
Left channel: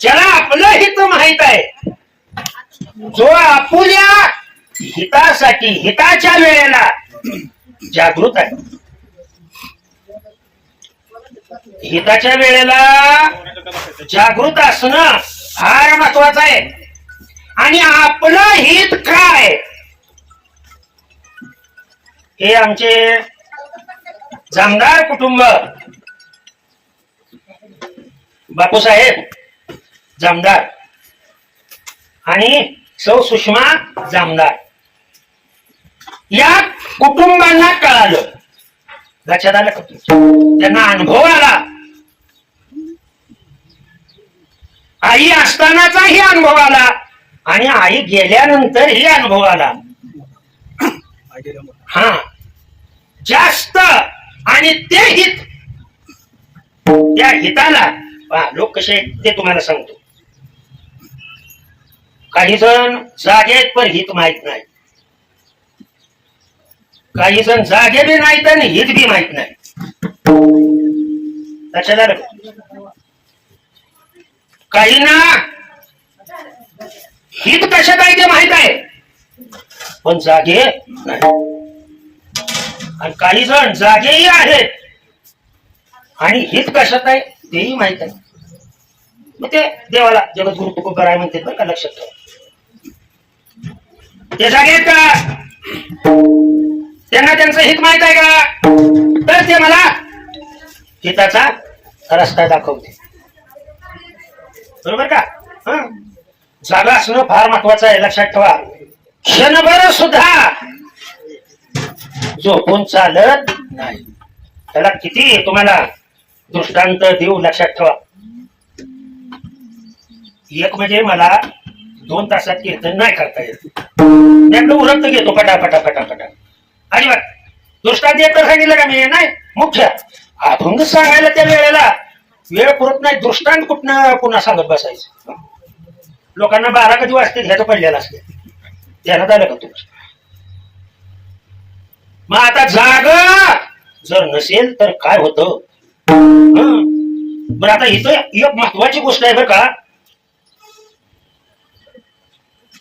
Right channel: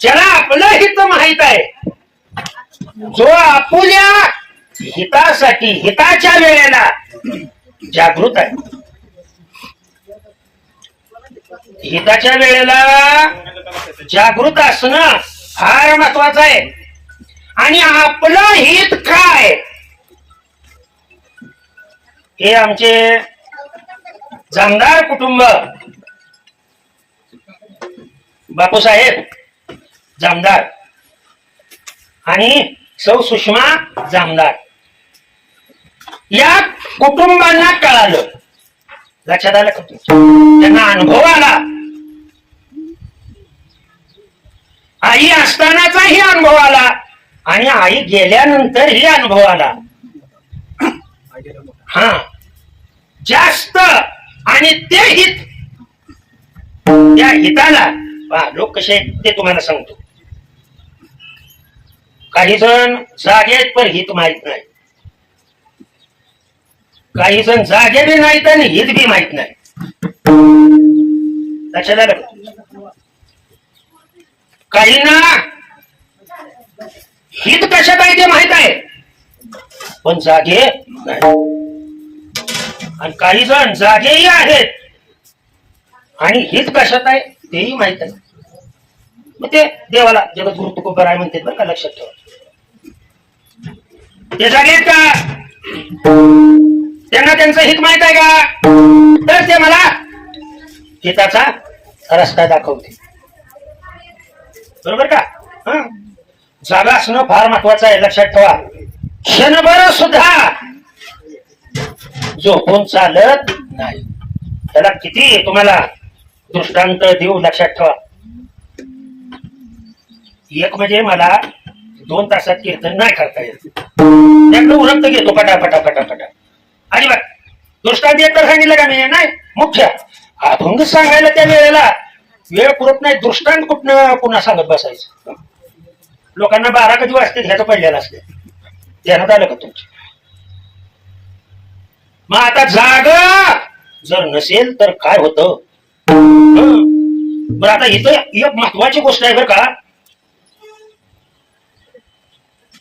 ज्याला आपलं हित माहित आहे, जो आपुल्या हितासाठी हिताच्या वेळेला जागृत आहे, हिताच्या वेळेला जागृत असणं फार महत्वाचं आहे. आणि आपलं हित काय हे आमचे जामदार कुटुंब, बापूसाहेब जामदार आणि सौ सुषमा जामदार या कुटुंबांना कळालं, लक्षात आलं का? त्यांना अनुभव आला, आई असतानाचाही अनुभव आला आणि आई गेल्यानंतरही अनुभव आला. हा, जास्त आणि ते हित, त्या हिताला लोक कसे आहेत ते तुम्हाला सांगतो. काही जण जागे आहेत पण हित माहित नाही, काही जण जागे बी नाहीत आणि हित बी माहित नाही. लक्षात आलं? काही ना हित कशात आहे ते माहित आहे पण जागे नाही, आणि काही जण जागेही आहेत आणि हित कशात आहे तेही माहित आहे. मग ते देवाला जगद्गुरु तुकोबाराय म्हणते बरं का, लक्षात ठेवा. ते जागे आहेत का? त्यांना त्यांचं हित माहित आहे का? तर ते मला हिताचा रस्ता दाखवते, बरोबर का? जागा असणं फार महत्वाचं आहे, लक्षात ठेवा. क्षणभर सुद्धा झोपून चालत नाही. त्याला किती तुम्हाला दृष्टांत देऊ, लक्षात ठेवा. एक म्हणजे मला 2 तासात कीर्तन नाही करता येत, त्याकडे उरक्त घेतो पटापटा पटापटा. अजिबात दृष्टांत येत सांगितलं का मी? नाही. मुख्य अभंग सांगायला त्या वेळेला वेळ पुरत नाही, दृष्टांत कुठनं पुन्हा सांगत बसायचं. लोकांना 12 कधी वाजते ह्याचं पडलेलं असते, ध्यानात आलं का तुमच्या? मग आता जाग जर नसेल तर काय होतं? बरं, आता इथं एक महत्वाची गोष्ट आहे बरं का.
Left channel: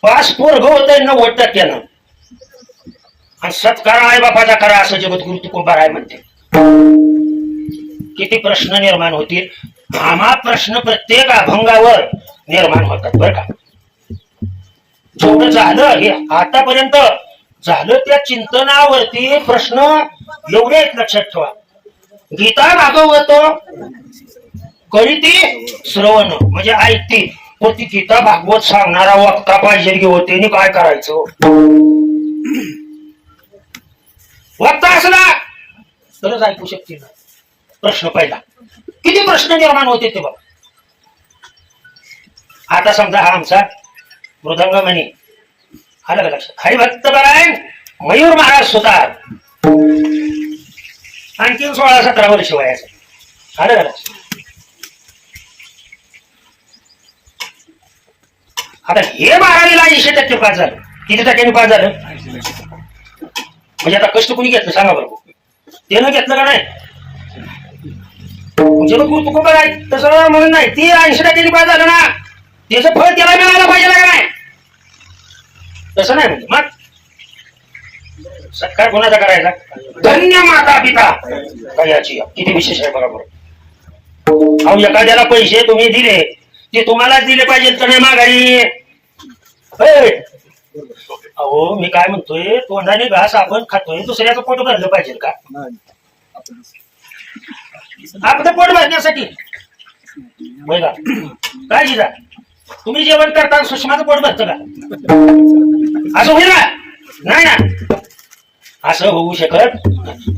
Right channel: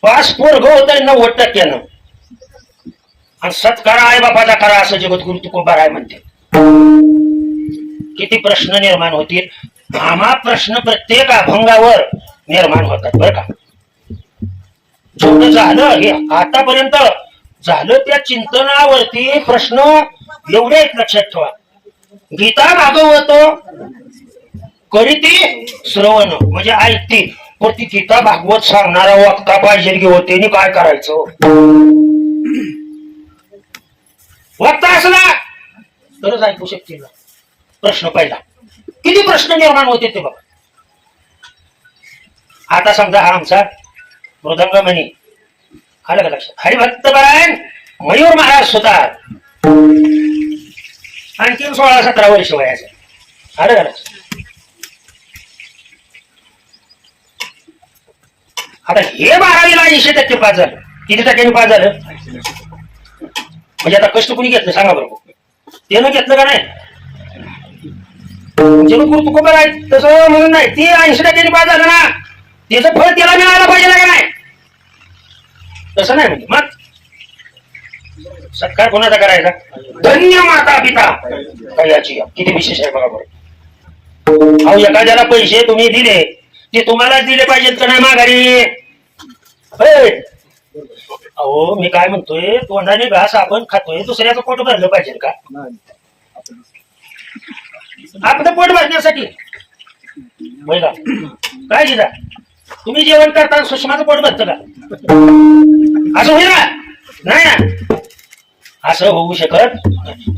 पास पोरग होत 90% आणि सत्कारा आई बापाचा करा असं जगद्गुरु तुकोबाराय म्हणते. किती प्रश्न निर्माण होतील? आम्हा प्रश्न प्रत्येक अभंगावर निर्माण होतात बरं का. जेवढं झालं हे आतापर्यंत झालं त्या चिंतनावरती प्रश्न एवढे आहेत, लक्षात ठेवा. गीता भागवत करीती श्रवण म्हणजे ऐकती, पण ती गीता भागवत सांगणारा वक्ता पाहिजे की होते, काय करायचं? वक्ता असला तरच ऐकू शकते ना. प्रश्न पहिला, किती प्रश्न निर्माण होते ते बघा. आता समजा हा आमचा मृदंगमणी आलं का लक्षात? हरिभक्तपरायण मयूर महाराज सुतार, आणखी 16-17 वर्ष वयाचं. आलं का लक्षात? आता हे 12वीला 80% पास झालं. किती टक्क्यांनी पास झालं? म्हणजे आता कष्ट कुणी घेतलं सांगा बरोबर? त्यानं घेतलं का नाही? जेव्हा कुटुंब आहे तसं म्हणून नाही, ती 80% पास झालं ना, त्याचं फळ त्याला मिळायला पाहिजे का नाही? तसं नाही. म्हणजे मग सत्कार कोणाचा करायचा? धन्य माता पिता याची किती विशेष आहे बघा बरोबर. अहो एखाद्याला पैसे तुम्ही दिले ते तुम्हालाच दिले पाहिजे तर नाही माघारी. अहो मी काय म्हणतोय, तोंडाने घास आपण खातोय, दुसऱ्याचं पोट भरलं पाहिजे का? आपलं पोट भरण्यासाठी बघा काय दिला तुम्ही जेवण करता, सुषमाचं पोट भरतं का? असं होईल ना? नाही ना, असं होऊ शकत.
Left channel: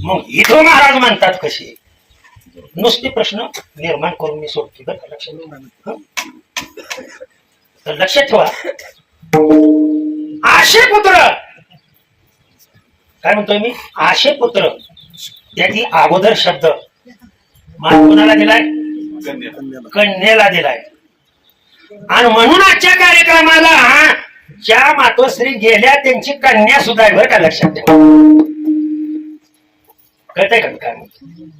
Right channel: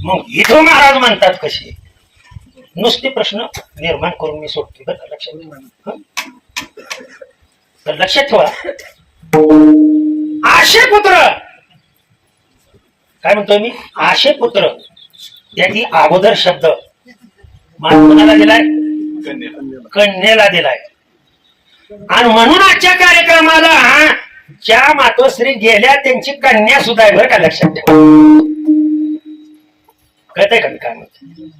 मग इथं महाराज म्हणतात कसे? नुसते प्रश्न निर्माण करून मी सोडतो बरं, लक्षात तर लक्षात ठेवा. आशे पुत्र काय म्हणतोय मी? आशे पुत्र त्याची अगोदर शब्द मान कोणाला दिलाय? कन्येला दिलाय. आणि म्हणून आजच्या कार्यक्रमाला ज्या मातोश्री गेल्या त्यांची कन्या सुद्धा आहे बरं का, लक्षात ठेवा. कळतंय का मी काय म्हणतो?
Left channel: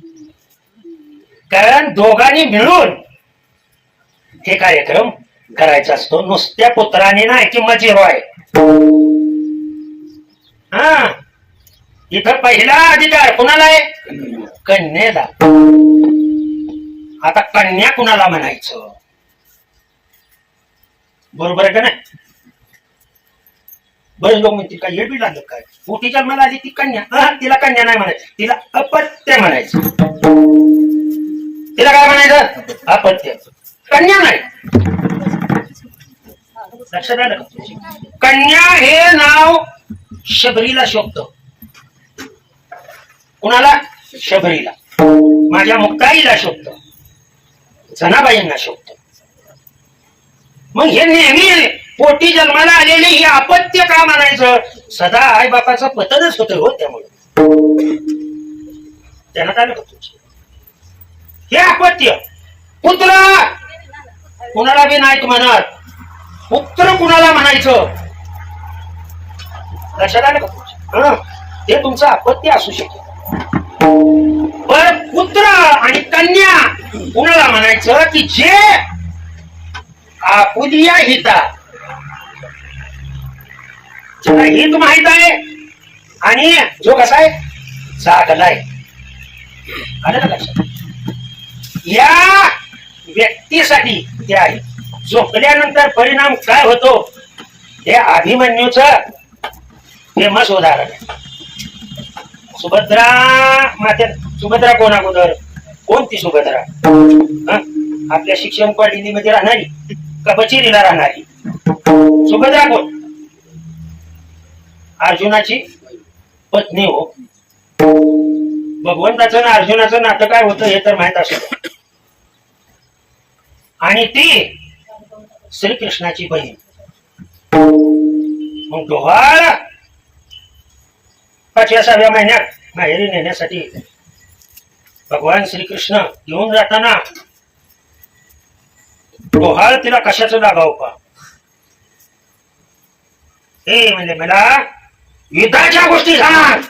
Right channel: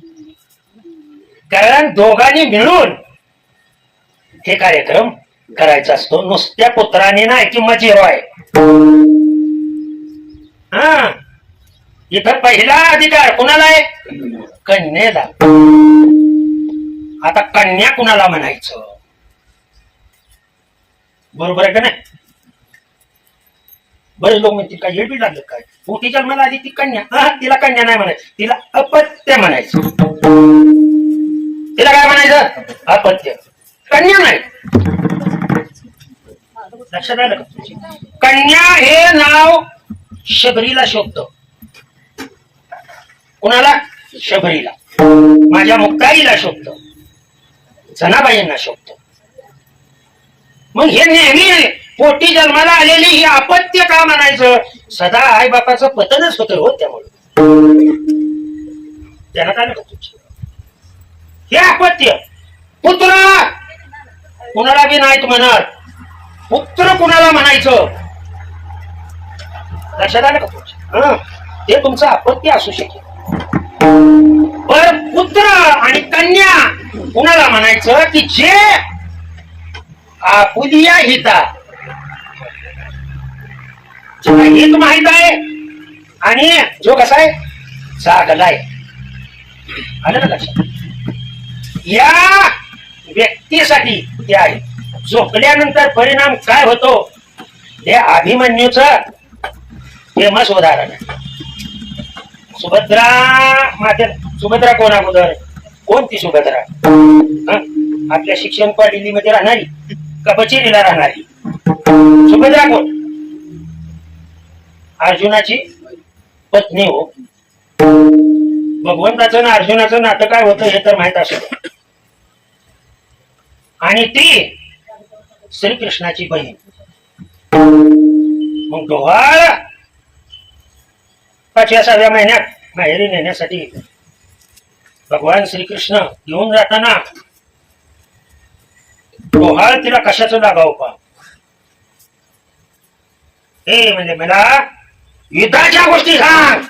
कारण दोघांनी मिळून हे कार्यक्रम करायचा असतो. नुसत्या पुत्राने नाही किंमत झिरो आहे. हा इथं पहिला अधिकार कुणाला आहे? कन्येला. आता कन्या कुणाला म्हणायचं? बरोबर आहे का नाही? बरेच लोक म्हणतील काय येड बी लागलं काय? मोठी जन्माला आली ती कन्या, तिला कन्या नाही म्हणायचं, तिला अपत्य म्हणायचं. तिला काय म्हणायचं? अपत्य. कन्या नाही. लक्षात आलं का? कन्या हे नाव शबरीला शोभत. कुणाला? शबरीला. माझ्या मुक्ताईला शोभत, जनाबाईंना शोभत. मग हे नेहमी पोटी जन्माला आलेली ही अपत्य का म्हणायचं? सदा आई बापाचं पतनच होतं हो, त्यामुळे त्यांना काय तुमचं हे अपत्य. पुत्र कुणाला बी नाहीत म्हणत, पुत्र कुणाला म्हणायचं? लक्षात आलं का तुमचं? ते तुमचं अपत्य असू शकेल. पण पुत्र आणि कन्या कुणाला म्हणायचं? की जे आपुलिया हिता हित माहित आहे आणि जो कसा आहे जागलाय. आलं का लक्षात? या व्यक्तीसाठी ते आहे. झोपल्यानंतर परिणाम काय होतो हे अभिमन्यूच फेमस उदाहरण आहे. सुभद्रा माझ्या सुभद्रा कोण अगोदर? कोणती सुभद्रा? आपल्या शिक्षण मध्ये राहणारी का बचिरीला राहणारी? सुभद्रा कोण? अर्जुनाची पत्नी हो. भगवंताचं ना अर्जुनाचं नातं काय होतं हे तर माहित असेल. आणि ती श्रीकृष्णाची बहीण. मग डोहाळ 5व्या महिन्यात माहेरी नेण्यासाठी भगवान श्रीकृष्ण घेऊन जाताना डोहाळ तिला कशाचं लागाव पा? हे म्हणजे मला युद्धाच्या गोष्टी सांग.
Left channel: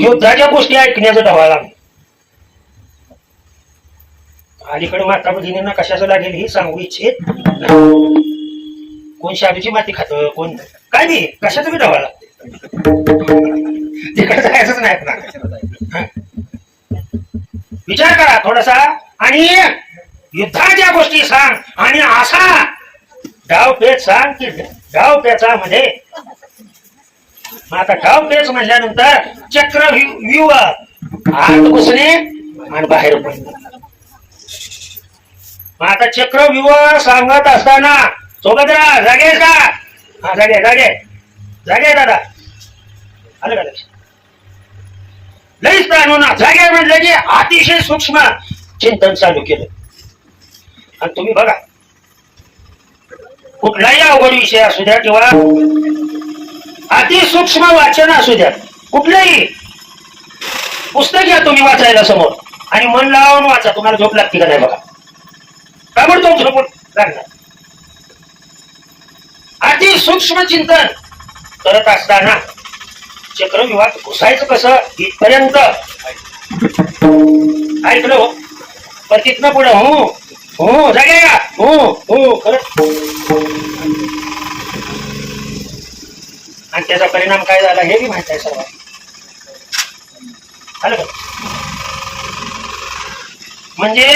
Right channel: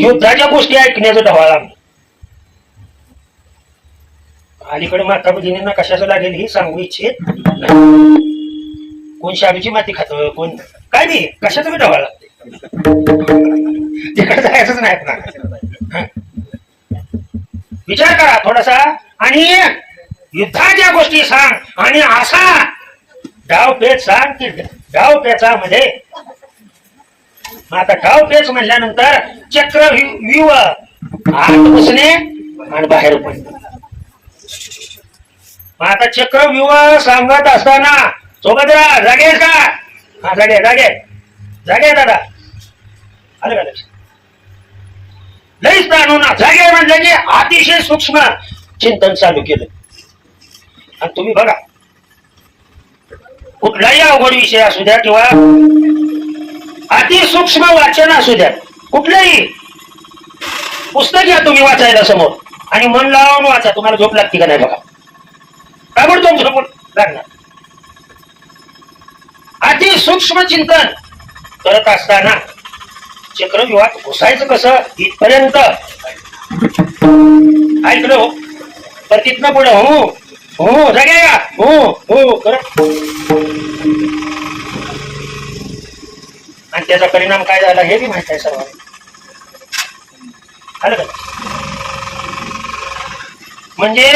युद्धाच्या गोष्टी ऐकण्याचं डोहाळ आम्ही. अलीकडे माता भगिनींना कशाचं लागेल हे सांगू इच्छित नाही. कोण शाबीची माती खात, कोण काय नाही, कशाचं बी डोहाळ लागते. तिकडे जायचंच नाही ना. विचार करा थोडासा आणि युद्धाच्या गोष्टी सांग आणि असा डावपेच सांग की डावपेचामध्ये. आता डावपेच म्हणल्यानंतर चक्रव्यूह आत घुसणे आणि बाहेर पडणे. आता चक्रव्यूह सांगत असताना सुभद्रा जागे का? हा जागे जागे जागे दादा. आलं का लक्ष? लईच ताणून जागे म्हटलं की अतिशय सूक्ष्म चिंतन चालू केलं. आणि तुम्ही बघा कुठलाही अवघड विषय असू द्या किंवा अतिसूक्ष्म वाचन असू द्या, कुठलंही पुस्तक घ्या तुम्ही वाचायला समोर आणि मन लावून वाचा. तुम्हाला झोप लागते का नाही बघा? काय म्हणतो झोप लागणार? अति सूक्ष्म चिंतन करत असताना चक्रव्यूहात घुसायचं कसं इथपर्यंत ऐकलं हो. पण तिथनं पुढे हो हो जागे हो हो खरं. आणि त्याचा परिणाम काय झाला हे बी माहित आहे सर्व. आलं का? म्हणजे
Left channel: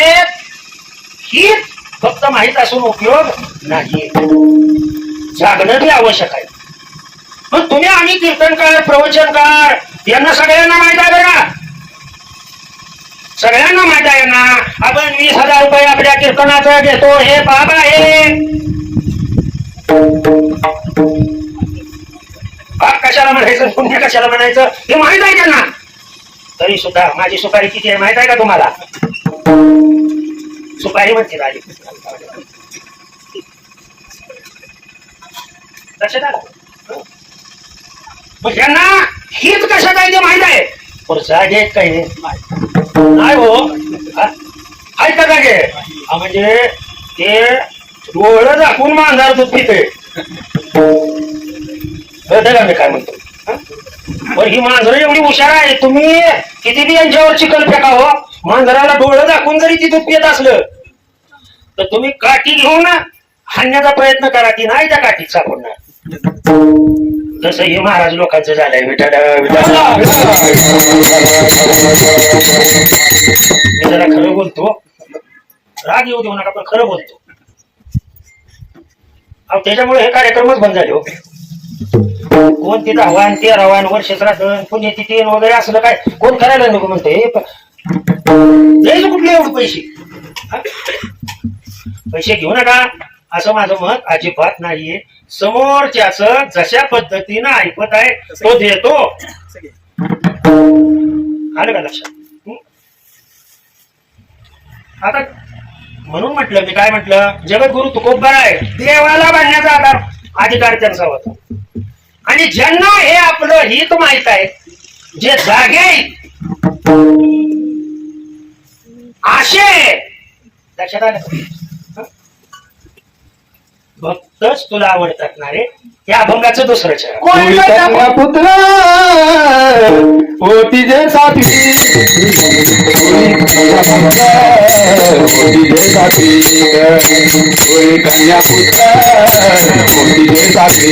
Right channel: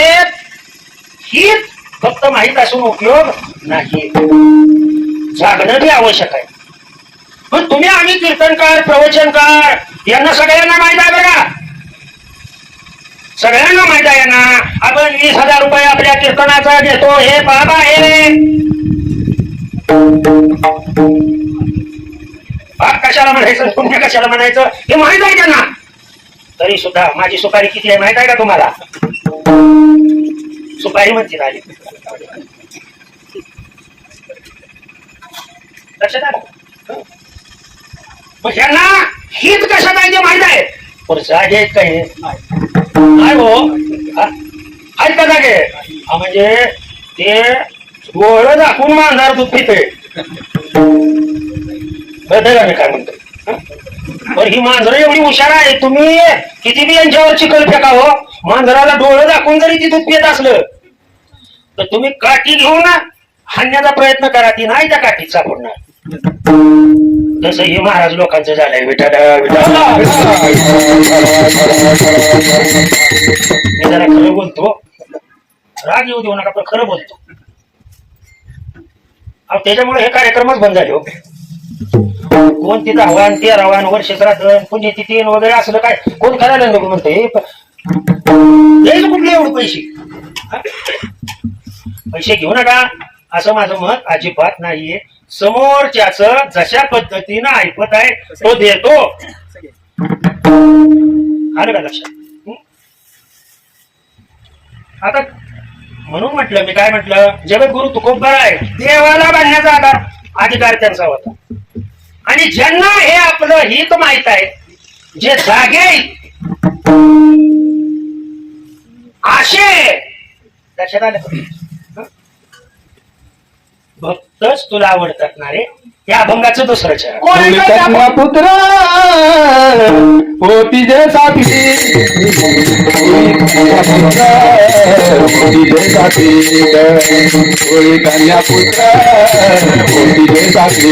ही फक्त माहित असून उपयोग नाही, जागणं बी आवश्यक आहे. पण तुम्ही आम्ही कीर्तनकार प्रवचनकार यांना सगळ्यांना माहित आहे बघा, सगळ्यांना माहित आहे ना. आपण 20,000 रुपये आपल्या कीर्तनाचा घेतो हे बाबा आहे. कशाला म्हणायचं पुण्य कशाला म्हणायचं हे माहित आहे त्यांना. तरी सुद्धा माझी सुपारी किती आहे माहित आहे का तुम्हाला? सुपारी म्हणते आली लक्षात आलं. मग ह्यांना हित कशात आहे ते माहित आहे, पण जागे काय नाही हो. आहेत का जागे? म्हणजे ते डोळं दाखवून मारणार दूध पिते. मी काय म्हणतो, पण ही मांजरं एवढी हुशार आहे. तुम्ही किती बी यांच्यावर चिकन फेकावं, मांजराला डोळं दाखवून जरी ती दूध पित असलं तर तुम्ही काठी घेऊन हाणण्याचा प्रयत्न करा, ती नाही त्या काठीत सापडणार. जसं हे महाराज लोकांचं झालंय. विठाला मी जरा खरं बोलतो, राग येऊ देऊ नका, पण खरं बोलतो. त्याच्यामुळे हे कार्यक्रमच बंद झाले हो. कोण तिथं हवान 13वान वर्ष श्राद्ध पुण्यतिथी वगैरे असलं काय कोण करायला नको म्हणते. द्यायचं कुठले एवढे पैसे? पैसे घेऊ नका असं माझं मत अजिबात नाहीये. समोरच्याच जशा पद्धतीनं ऐकत आहे तो देतो. आलं का लक्षात? आता म्हणून म्हटलं मी काय म्हटलं, जगद्गुरु तुकोबार आहे, देवाला बांधण्याचा अधिकार त्यांचा होता. आणि ज्यांना हे आपलं हित माहित आहे, जे जागे आशे लक्षात आलं, भक्तच तुला आवडतात ना रे. या अभंगाचं दुसरंच पुत्र होती जे साथी कन्या पुत्र होती जे साथी कन्या पुत्र होती जे साथी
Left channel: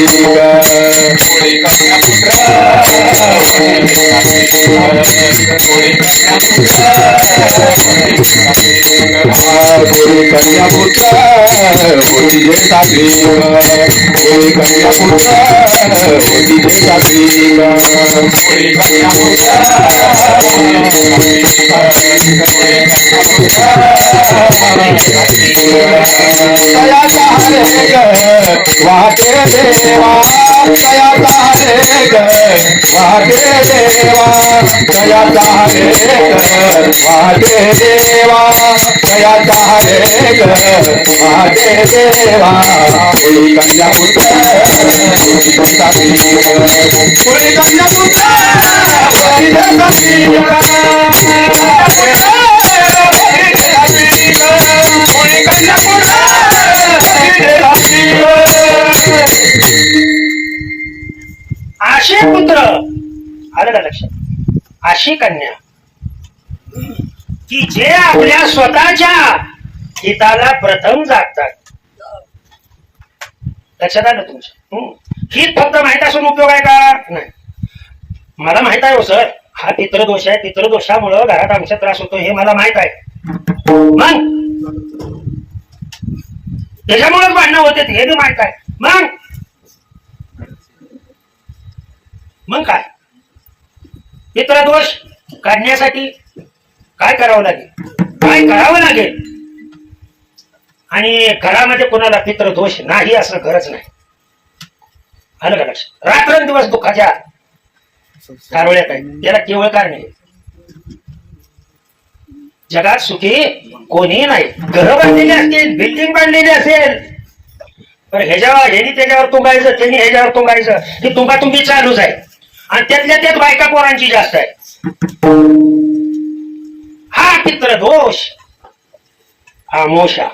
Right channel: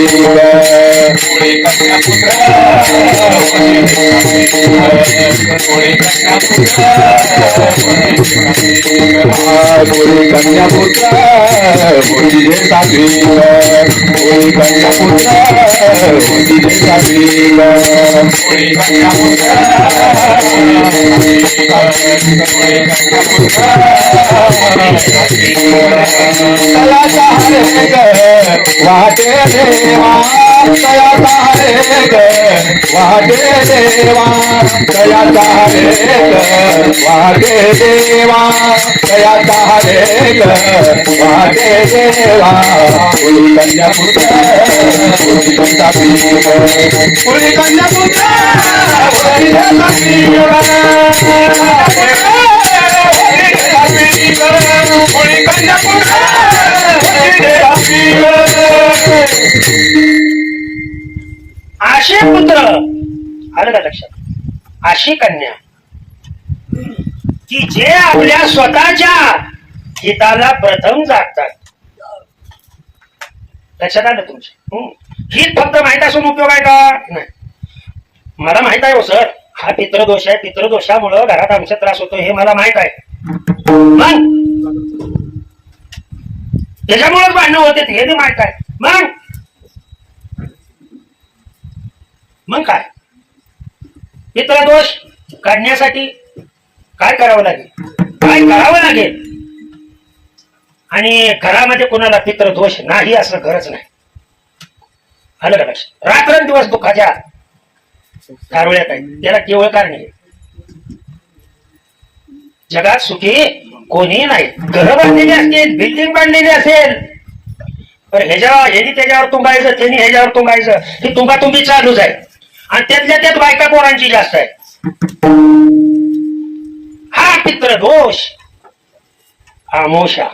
आशी पुत्र आलं का लक्षात? अशी कन्या की जे आपल्या स्वतःच्या हिताला प्रथम जागतात. लक्षात आलं तुमचं? हित फक्त माहित असून उपयोग आहे का? नाही. मला माहित आहे हो सर, हा पितृदोष आहे, पितृदोषामुळं घरात आमचा त्रास होतो हे मला माहित आहे. मग त्याच्यामुळेच भांडणं होते हे बी माहित आहे. मग काय पितृदोष काढण्यासाठी काय करावं लागेल, काय करावं लागेल? आणि घरामध्ये कोणाला पितृदोष नाही असं गरज नाही. आलं का लक्षात? रात्रंदिवस दुःखाच्या कारवळ्यात आहे, त्याला केवळ कारण आहे. जगात सुखी कोणी नाही. घर बांधलेली असतील, बिल्डिंग बांधलेली असेल, पण ह्यानी त्याच्यावर तुंबायचं, त्यांनी ह्याच्यावर तुंबायचं, ही तुंबातुंबी चालूच आहे. आणि त्यातल्या त्यात बायका पोरांची जास्त आहे. हा पितृदोष, हा मोशा.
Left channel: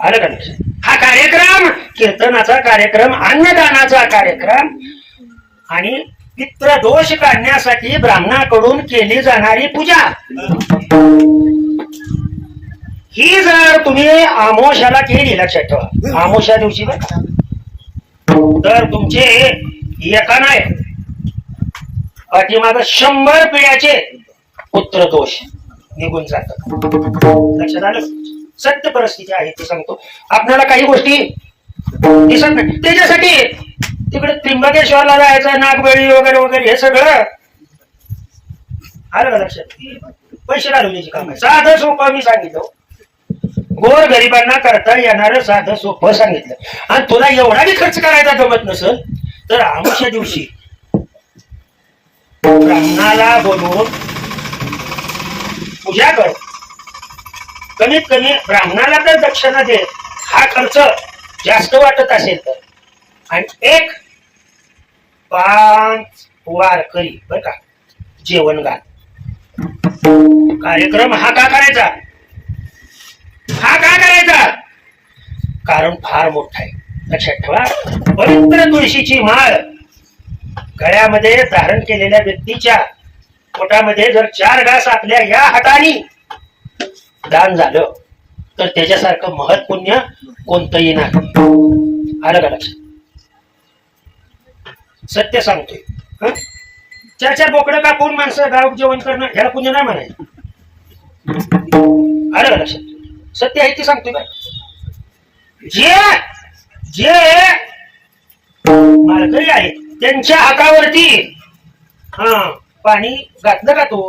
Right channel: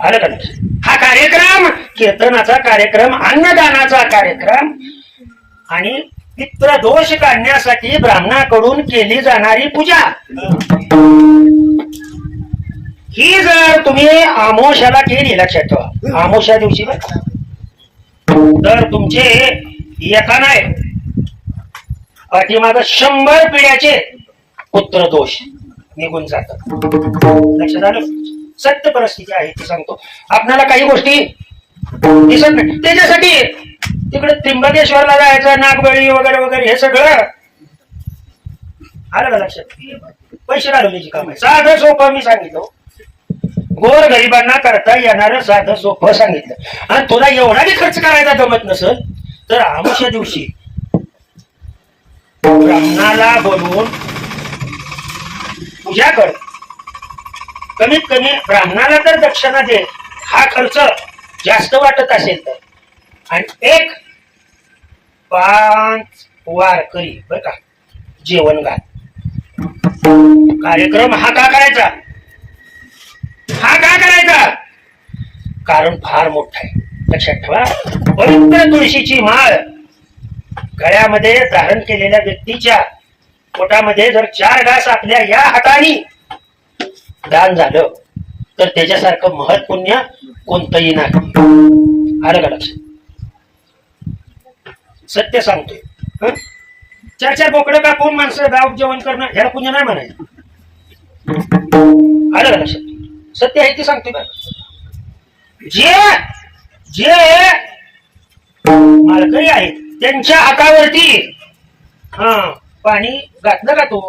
आलं का लक्षात? हा कार्यक्रम कीर्तनाचा कार्यक्रम, अन्नदानाचा कार्यक्रम आणि पितृदोष काढण्यासाठी ब्राह्मणाकडून केली जाणारी पूजा, ही जर तुम्ही आमोशाला केली, लक्षात ठेवा आमोशा दिवशी बरं का, तर तुमचे एका नाही पाठीमाग 100 पिढ्याचे पुत्रदोष निघून जातात. लक्षात आलं? सत्य परिस्थिती आहे ती सांगतो आपल्याला. काही गोष्टी दिसत नाही, त्याच्यासाठी तिकडे त्र्यंबकेश्वरला जायचं, नागबळी वगैरे वगैरे हे सगळं आलं का लक्षात? पैसे घालवण्याची काम आहे. साधं सोपं मी सांगितलं, गोर गरिबांना करता येणारं साधं सोपं सांगितलं. आणि तुला एवढा बी खर्च करायचा जमत नसेल तर आमुष्या दिवशी ब्राह्मणाला बोलवून पूजा कर. कमीत कमी ब्राह्मणाला तर दक्षिणा दे, हा खर्च जास्त वाटत असेल तर. आणि एक 5 वारकरी बर का जेवण घाल. कार्यक्रम हा का करायचा? हा का करायचा? कारण फार मोठा आहे. लक्षात ठेवा, पवित्र तुळशीची माळ गळ्यामध्ये धारण केलेल्या व्यक्तीच्या पोटामध्ये जर 4 घास आपल्या या हाताने दान झालं तर त्याच्यासारखं महत् पुण्य कोणतंही नाही. आलं का लक्षात? सत्य सांगतोय. 4 बोकडं कापून माणसं गाव जेवण करणं ह्याला पुण्य नाही म्हणायचं. आलं का लक्षात? सत्य आहे ते सांगतोय बरं. जे जे मालकरी आहेत त्यांच्या हातावरती पाणी घातलं का तू?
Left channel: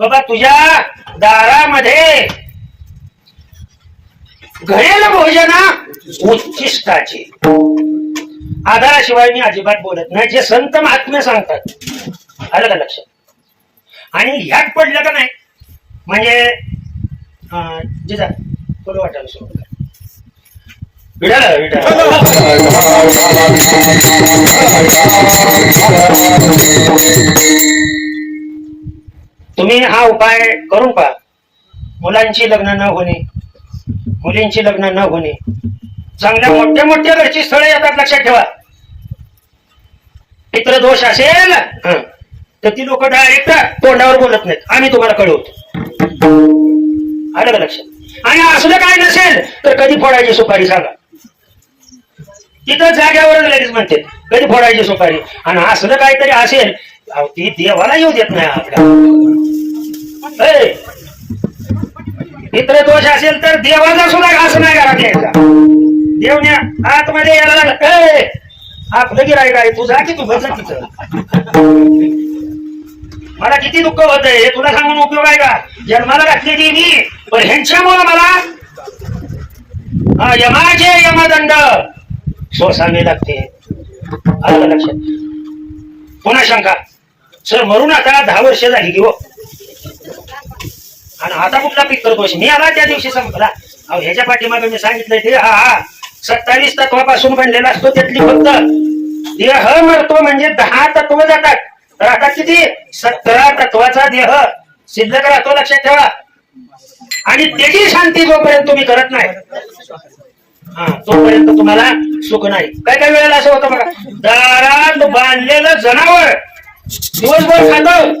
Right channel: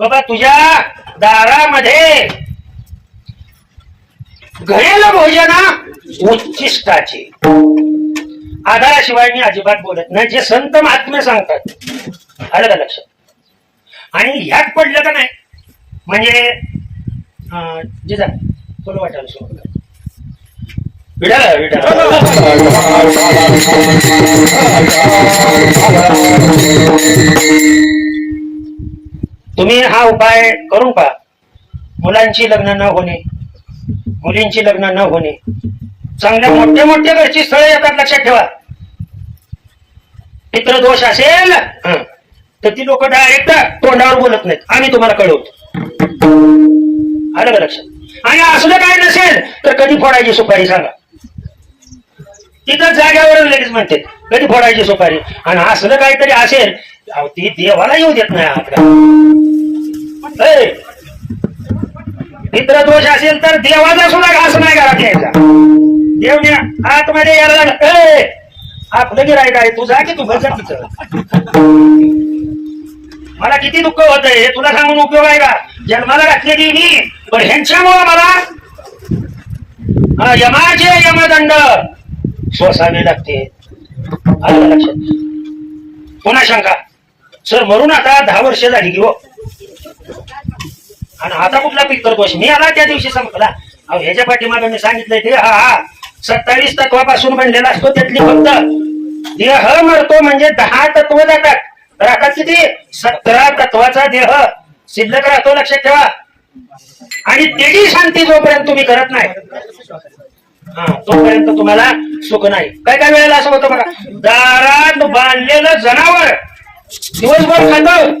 बाबा तुझ्या दारामध्ये घरेल भोजना उच्चिष्टाचे. आधाराशिवाय मी अजिबात बोलत नाही, जे संत महात्मे सांगतात. आलं का लक्षात? आणि ह्यात पडलं का नाही म्हणजे जे जा थोडं वाटायला सुरू कर. तुम्ही हा उपाय करून पहा. मुलांची लग्न न होणे, मुलींची लग्न न होणे, चांगल्या मोठ्या मोठ्या घरची स्थळं येतात. लक्षात ठेवा, पितृदोष असेल तर ती लोक डायरेक्ट तोंडावर बोलत नाहीत, आम्ही तुम्हाला कळवतो. आलं का लक्षात? आणि असलं काय नसेल तर कधी फोडायची सुपारी सांगा. तिथं जाग्यावर लगेच म्हणते कधी फोडायची सुपारी. आणि असलं काहीतरी असेल ती देवाला येऊ देत नाही आपल्याला. पितृदोष असेल तर देवाचा सुद्धा घास नाही घरात यायचा. देवने आतमध्ये यायला आतलं गिराय काय तू जा की तू बस तिथं. मला किती दुःख होत आहे तुला सांगून उपयोग आहे का? जन्माला घातलेली मी, पण ह्यांच्यामुळं मला यमाचे यमदंड सोसावे लागते. आलं लक्षात? पुन्हा शंका सर मरून आता 10 वर्ष झाली की हो, आणि आता कुठला पितृदोष? मी आला त्या दिवशी संपला. ह्याच्या पाठीमागे मी सांगितलंय ते 27 तत्वापासून बनलेला असतो. त्यातली फक्त देह मरतो म्हणजे 10 तत्व जातात. तर आता किती? 17 तत्वाचा देह शिल्लक राहतो. लक्षात ठेवा. आणि त्याची शांती जोपर्यंत तुम्ही करत नाही तोपर्यंत तुम्हाला सुख नाही. काय काय वेळेला असं होतं बघा, दारात बांधलेलं जनावर दिवसभर खातं,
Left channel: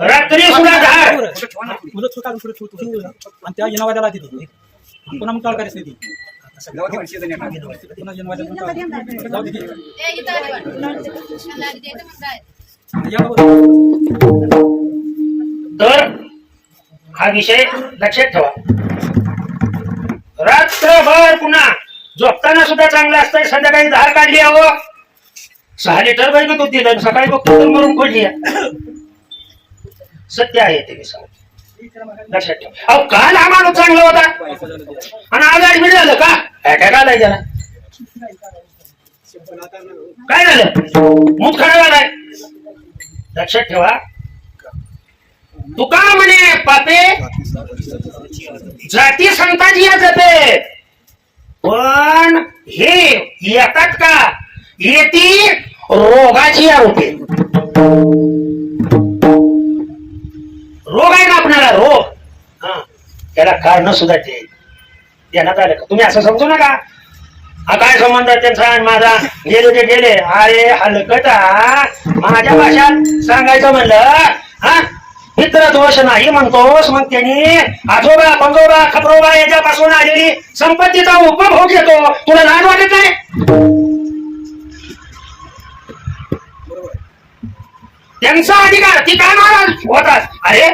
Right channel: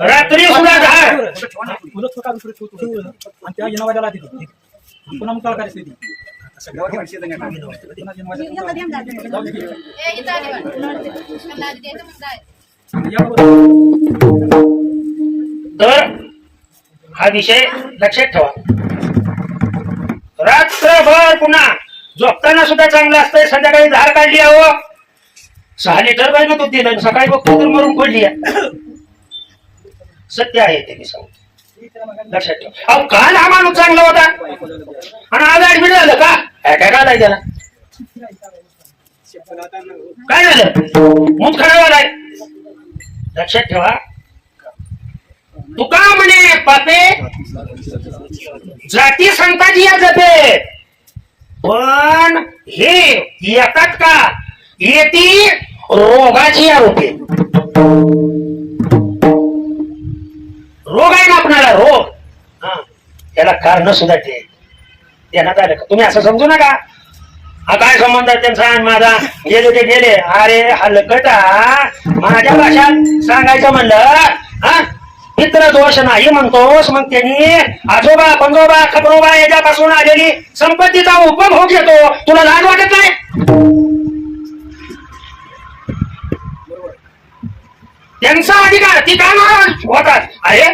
रात्री सुद्धा धार. आणि त्या जनावराला तिथे पुन्हा मग काळ स्थिती तर हा विषय लक्षात ठेवा. रात्रभर पुन्हा झोपताना सुद्धा चांगलं असतंय. संध्याकाळी धार काढली अहो 6 लिटर बहिण दूध दिलं, सकाळी बघतो तर मरून पडली. सत्य आहे ते मी सांगतो. लक्षात ठेवा. अहो काल हा माणूस चांगला होता आणि आज ऍडमिट झालं का? काय झालं त्याला? काय झालं? मूत खराब आलाय. लक्षात ठेवा. तुका म्हणे पापे जाती संताजी या जपे, पण हे येतात का? येती रोगाची आरोपे. रोग आहे ना आपल्याला, रोग त्याला कारण सुद्धा ते ध्यानात आलं का? तुम्ही असं समजू नका हा काय संबंध आहे त्यांचा आणि माझा, गेले ते गेले. अरे हलकटा, माझ्या भाषात सांगायचं म्हणलं हा मित्र दोष नाही म्हणतोस, मग त्यांनी आजोबा पंजोबा खबरोबा याच्यापासून आलेली संपत्तीचा उपभोग घेतो, तुला लाज वाटत नाही? त्यांचा अधिकार ती काय नाराज होतात? अरे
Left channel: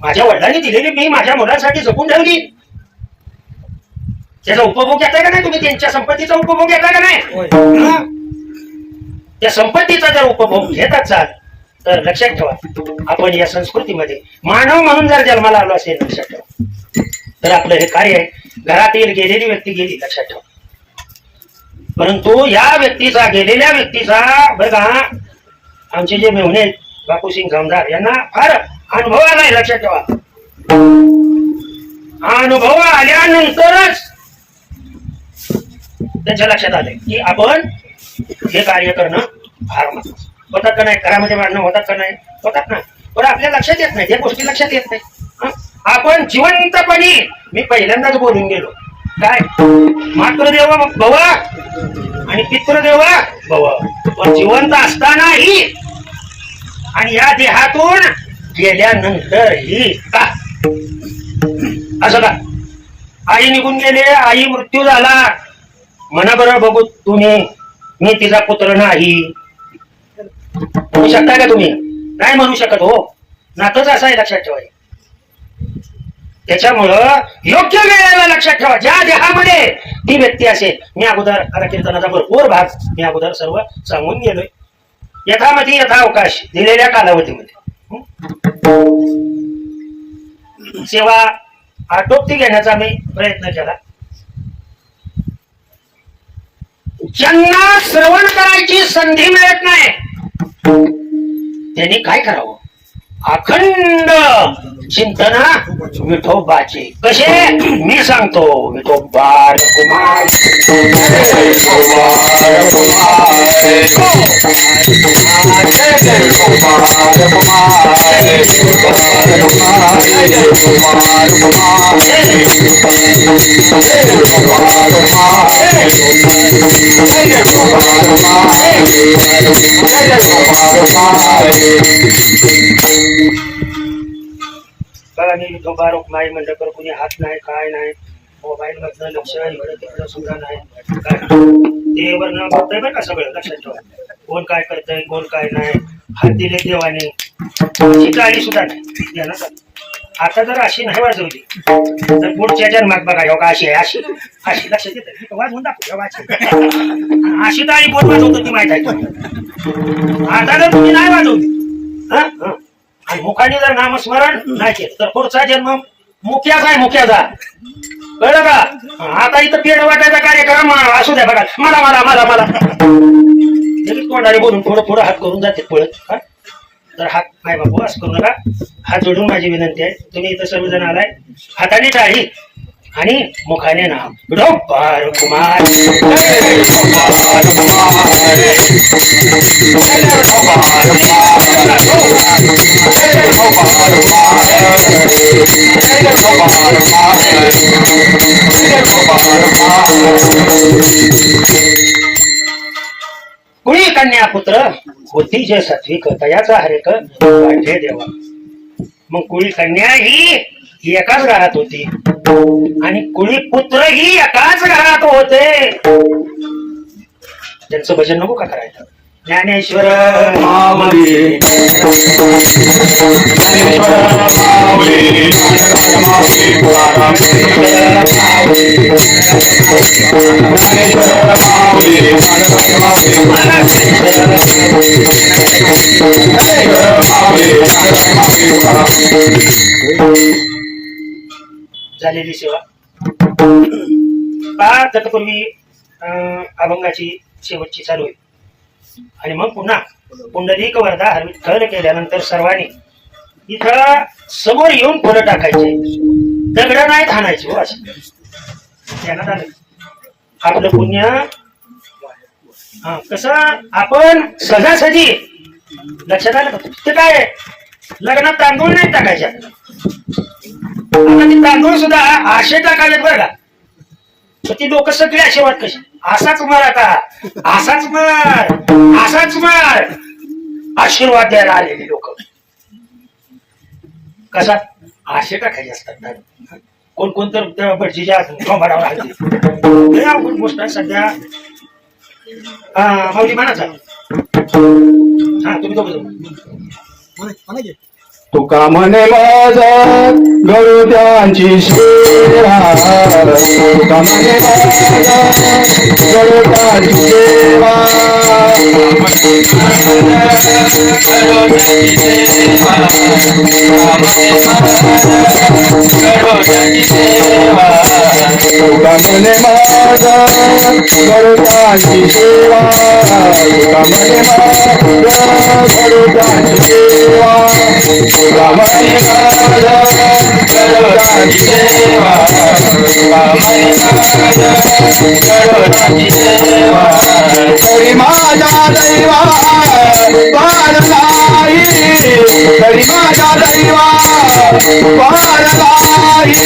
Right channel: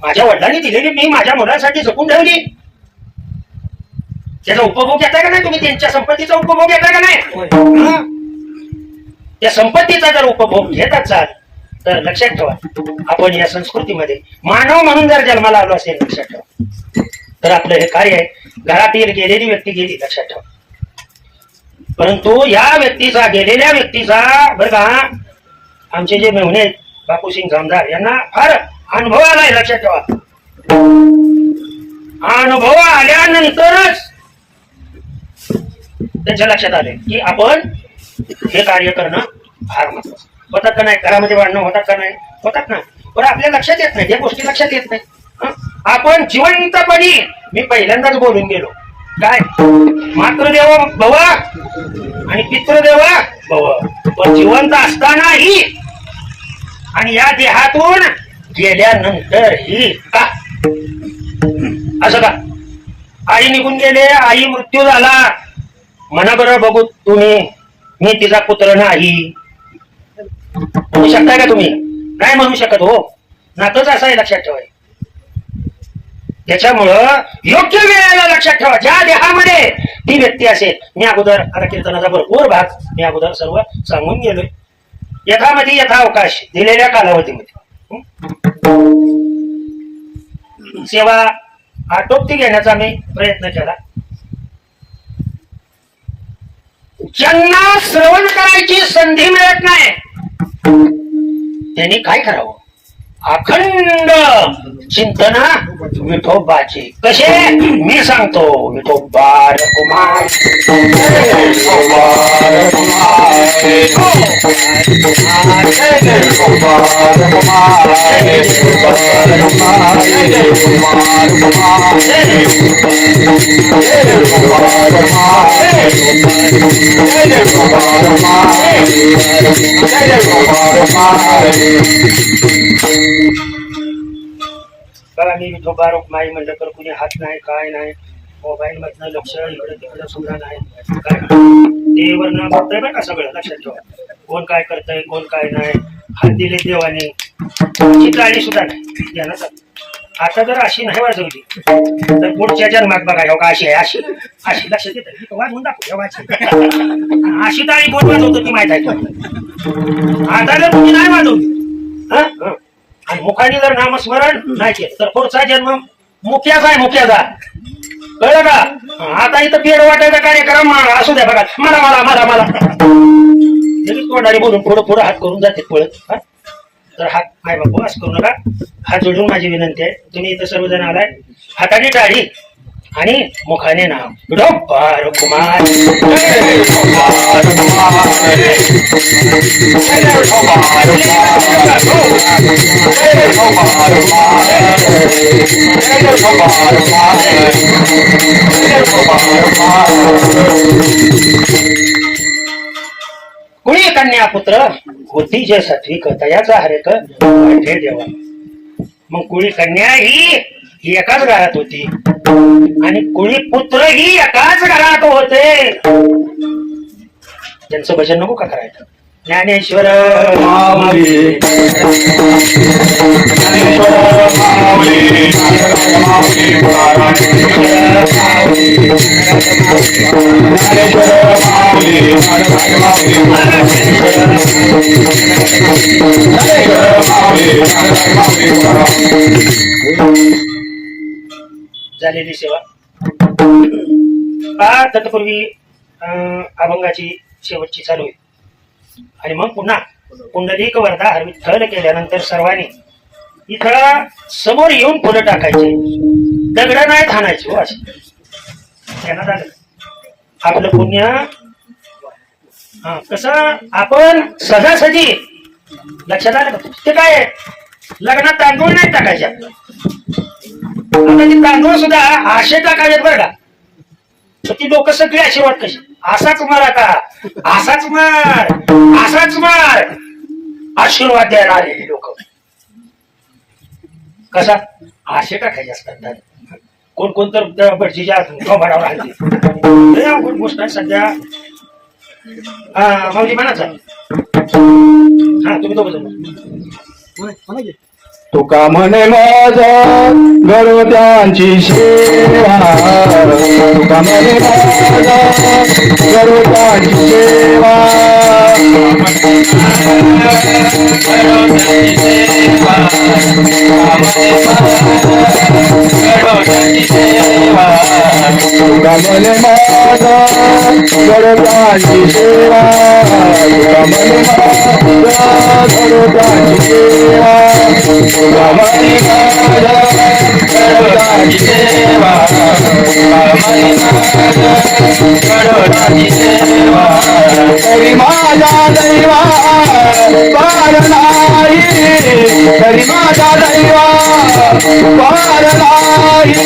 माझ्या वडिलांनी दिलेली मी माझ्या मुलासाठी जपून ठेवली, त्याचा उपभोग घेताय का नाही तुम्ही? त्यांच्या संपत्तीचा उपभोग घेताय का नाही? हं? त्या संपत्तीचा जर उपभोग घेत असाल तर लक्षात ठेवा, आपण या संस्कृतीमध्ये मानव म्हणून जर जन्माला आलो असेल लक्षात ठेवा, तर आपलं हे कार्य आहे. घरातील गेलेली व्यक्ती गेली लक्षात ठेवा, परंतु या व्यक्तीचा, गेलेल्या व्यक्तीचा बरं का, आमचे जे मेहुणे आहेत बापूसिंग जामदार यांना फार अनुभव आलाय लक्षात ठेवा. अनुभव आल्यानंतरच त्यांच्या लक्षात आले की आपण हे कार्य करणं फार महत्वाचं. होतात का नाही? घरामध्ये भांडणं होतात का नाही? होतात ना. पण आपल्या लक्षात येत नाही, त्या गोष्टी लक्षात येत नाही. हं? आपण जिवंतपणी, मी पहिल्यांदाच बोलून गेलो काय, मातृदेव भव आणि पितृदेव भव, पण जिवंत असतानाही आणि या देहातून गेल्यानंतरही का असं का? आई निघून गेले, आई मृत्यू झाला, म्हणा बरं बघू तुम्ही, मी तिचा पुत्र नाही म्हणू शकताय का तुम्ही? नाही म्हणू शकत हो. नातच असं आहे, लक्षात ठेवाय. त्याच्यामुळं योग्य वेळेला लक्षात ठेवा, ज्या देहामध्ये ती व्यक्ती असेल. मी अगोदर आता कीर्तनाचा भरपूर भाग मी अगोदर सर्व सांगून गेलोय. यथामती यथावकाश दिलेल्या कालावधीमध्ये सेवा आटोपती घेण्याचा मी प्रयत्न केला. ज्यांना श्रवण करायची संधी मिळत नाही त्यांनी काय करावं? अखंड चिंतना विठोबाचे. कसे? मी सांगतो. विठोबा कुमार मी विठोबा रुक्माई म्हणलं तर कुणी हात नाही, काय नाही, मोबाईल मधनं लक्ष इकडं तिकडं सुद्धा नाही, काय ते वरनं बघतंय बरं का सगळं. लक्षात ठेवा, कोण काय करतंय, कोण काय नाही. हात दिले देवाने, टाळी सुद्धा नाही ध्यानात आलं. आता जर अशी नाही वाजवली तर पुढच्या जन्मात बघा हो का अशी आहे, अशी अशी लक्षात येतं. वाजवून दाखव अशी टाळी कोण वाजवतो ती माहित आहे. आता जर तुम्ही नाही वाजवली आणि मुखाने जर नामस्मरण नाही केलं तर पुढचा जन्म मुख्याचा आहे, मुख्याचा. कळलं का? आता इथं पेड वाटायचा कार्यक्रम असू द्या बघा, मला मला मला मला तोंडाने बोलून पुढं पुढं हात करून जाते पळत. तर हात नाही बाबू असं करू नका. हात जोडून माझी विनंती आहे, तुम्ही इथं सर्वजण आलाय, हाताने टाळी आणि मुखाने नाम विठोबा कुमार. कुणी कन्या पुत्र होती जे सात्विक तयाचा हरेक वाढे देवा. मग कुळी कन्या ही एकाच घरात होती आणि कुळी पुत्र ही एकाच घरात होते. त्यांचं भजन नको का करायचं? ज्ञानेश्वर माऊली झालेली सेवा. फार तत्पूर्वी अभंगाची शेवटची चालू आहे आणि मग पुन्हा पुंडलिक वरदा विठ्ठल केल्यानंतर सर्वांनी इथं समोर येऊन फुलं टाकायचे, दगड नाही खाणायचे. हो असं ध्यानात आलं. आपलं पुण्य कसं आपण सहजासहजी लक्षात आलं. ते काय लग्नात तांदूळ नाही टाकायचे, आता ते तांदूळ सुद्धा आशे टाकावेत बरं का. तर ती लोक सगळी अशी वाट कशी असाच मार आता असाच मार असाच मार आशीर्वाद द्यायला आलेली लोक कसा आशे टाकायचे असतात ना. कोण तर भटजीच्या कमरावर राहते अवघड गोष्ट आहे सध्या. म्हणजे म्हणाचा हा तुम्ही दोघं जण तुका म्हणे माझा गरुडांची सेवा तुका म्हणे माझा गरुडांची सेवा तुका म्हणे माझा गरुडांची सेवा तुका म्हणे गरुडांची सेवा तुका म्हणे गरुडांची सेवा गरुडांची सेवा तरी माझा दैवा पार नाही तरी माझा दैवा पार नाही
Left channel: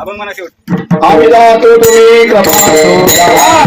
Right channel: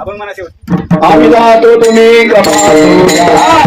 अभंग म्हणा शेवट. आम्ही जातो तुम्ही कृपा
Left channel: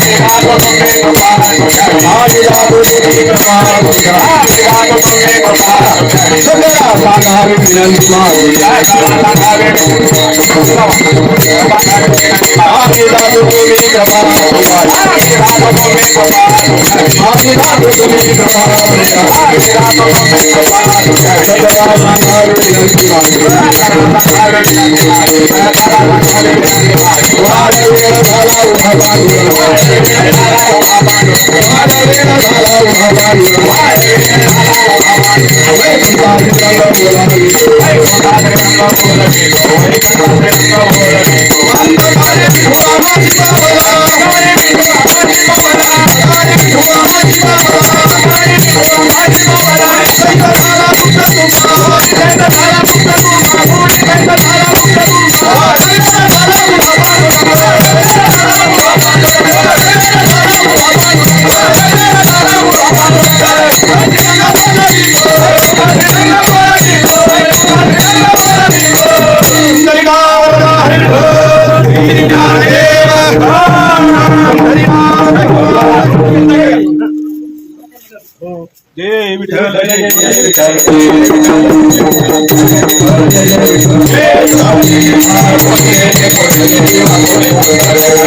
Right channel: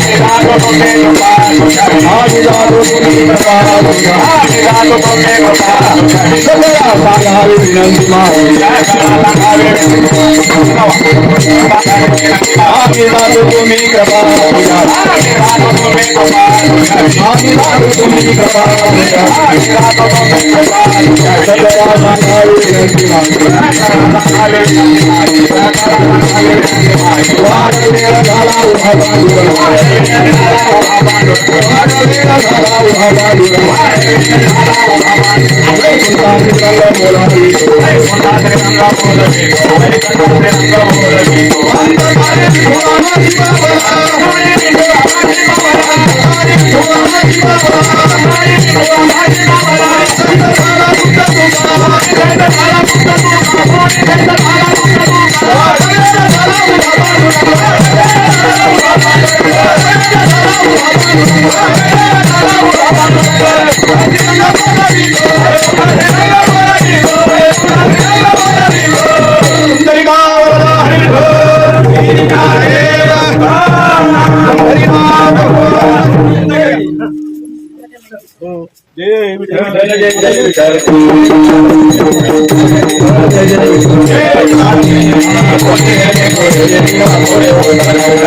जय विठ्ठल. जय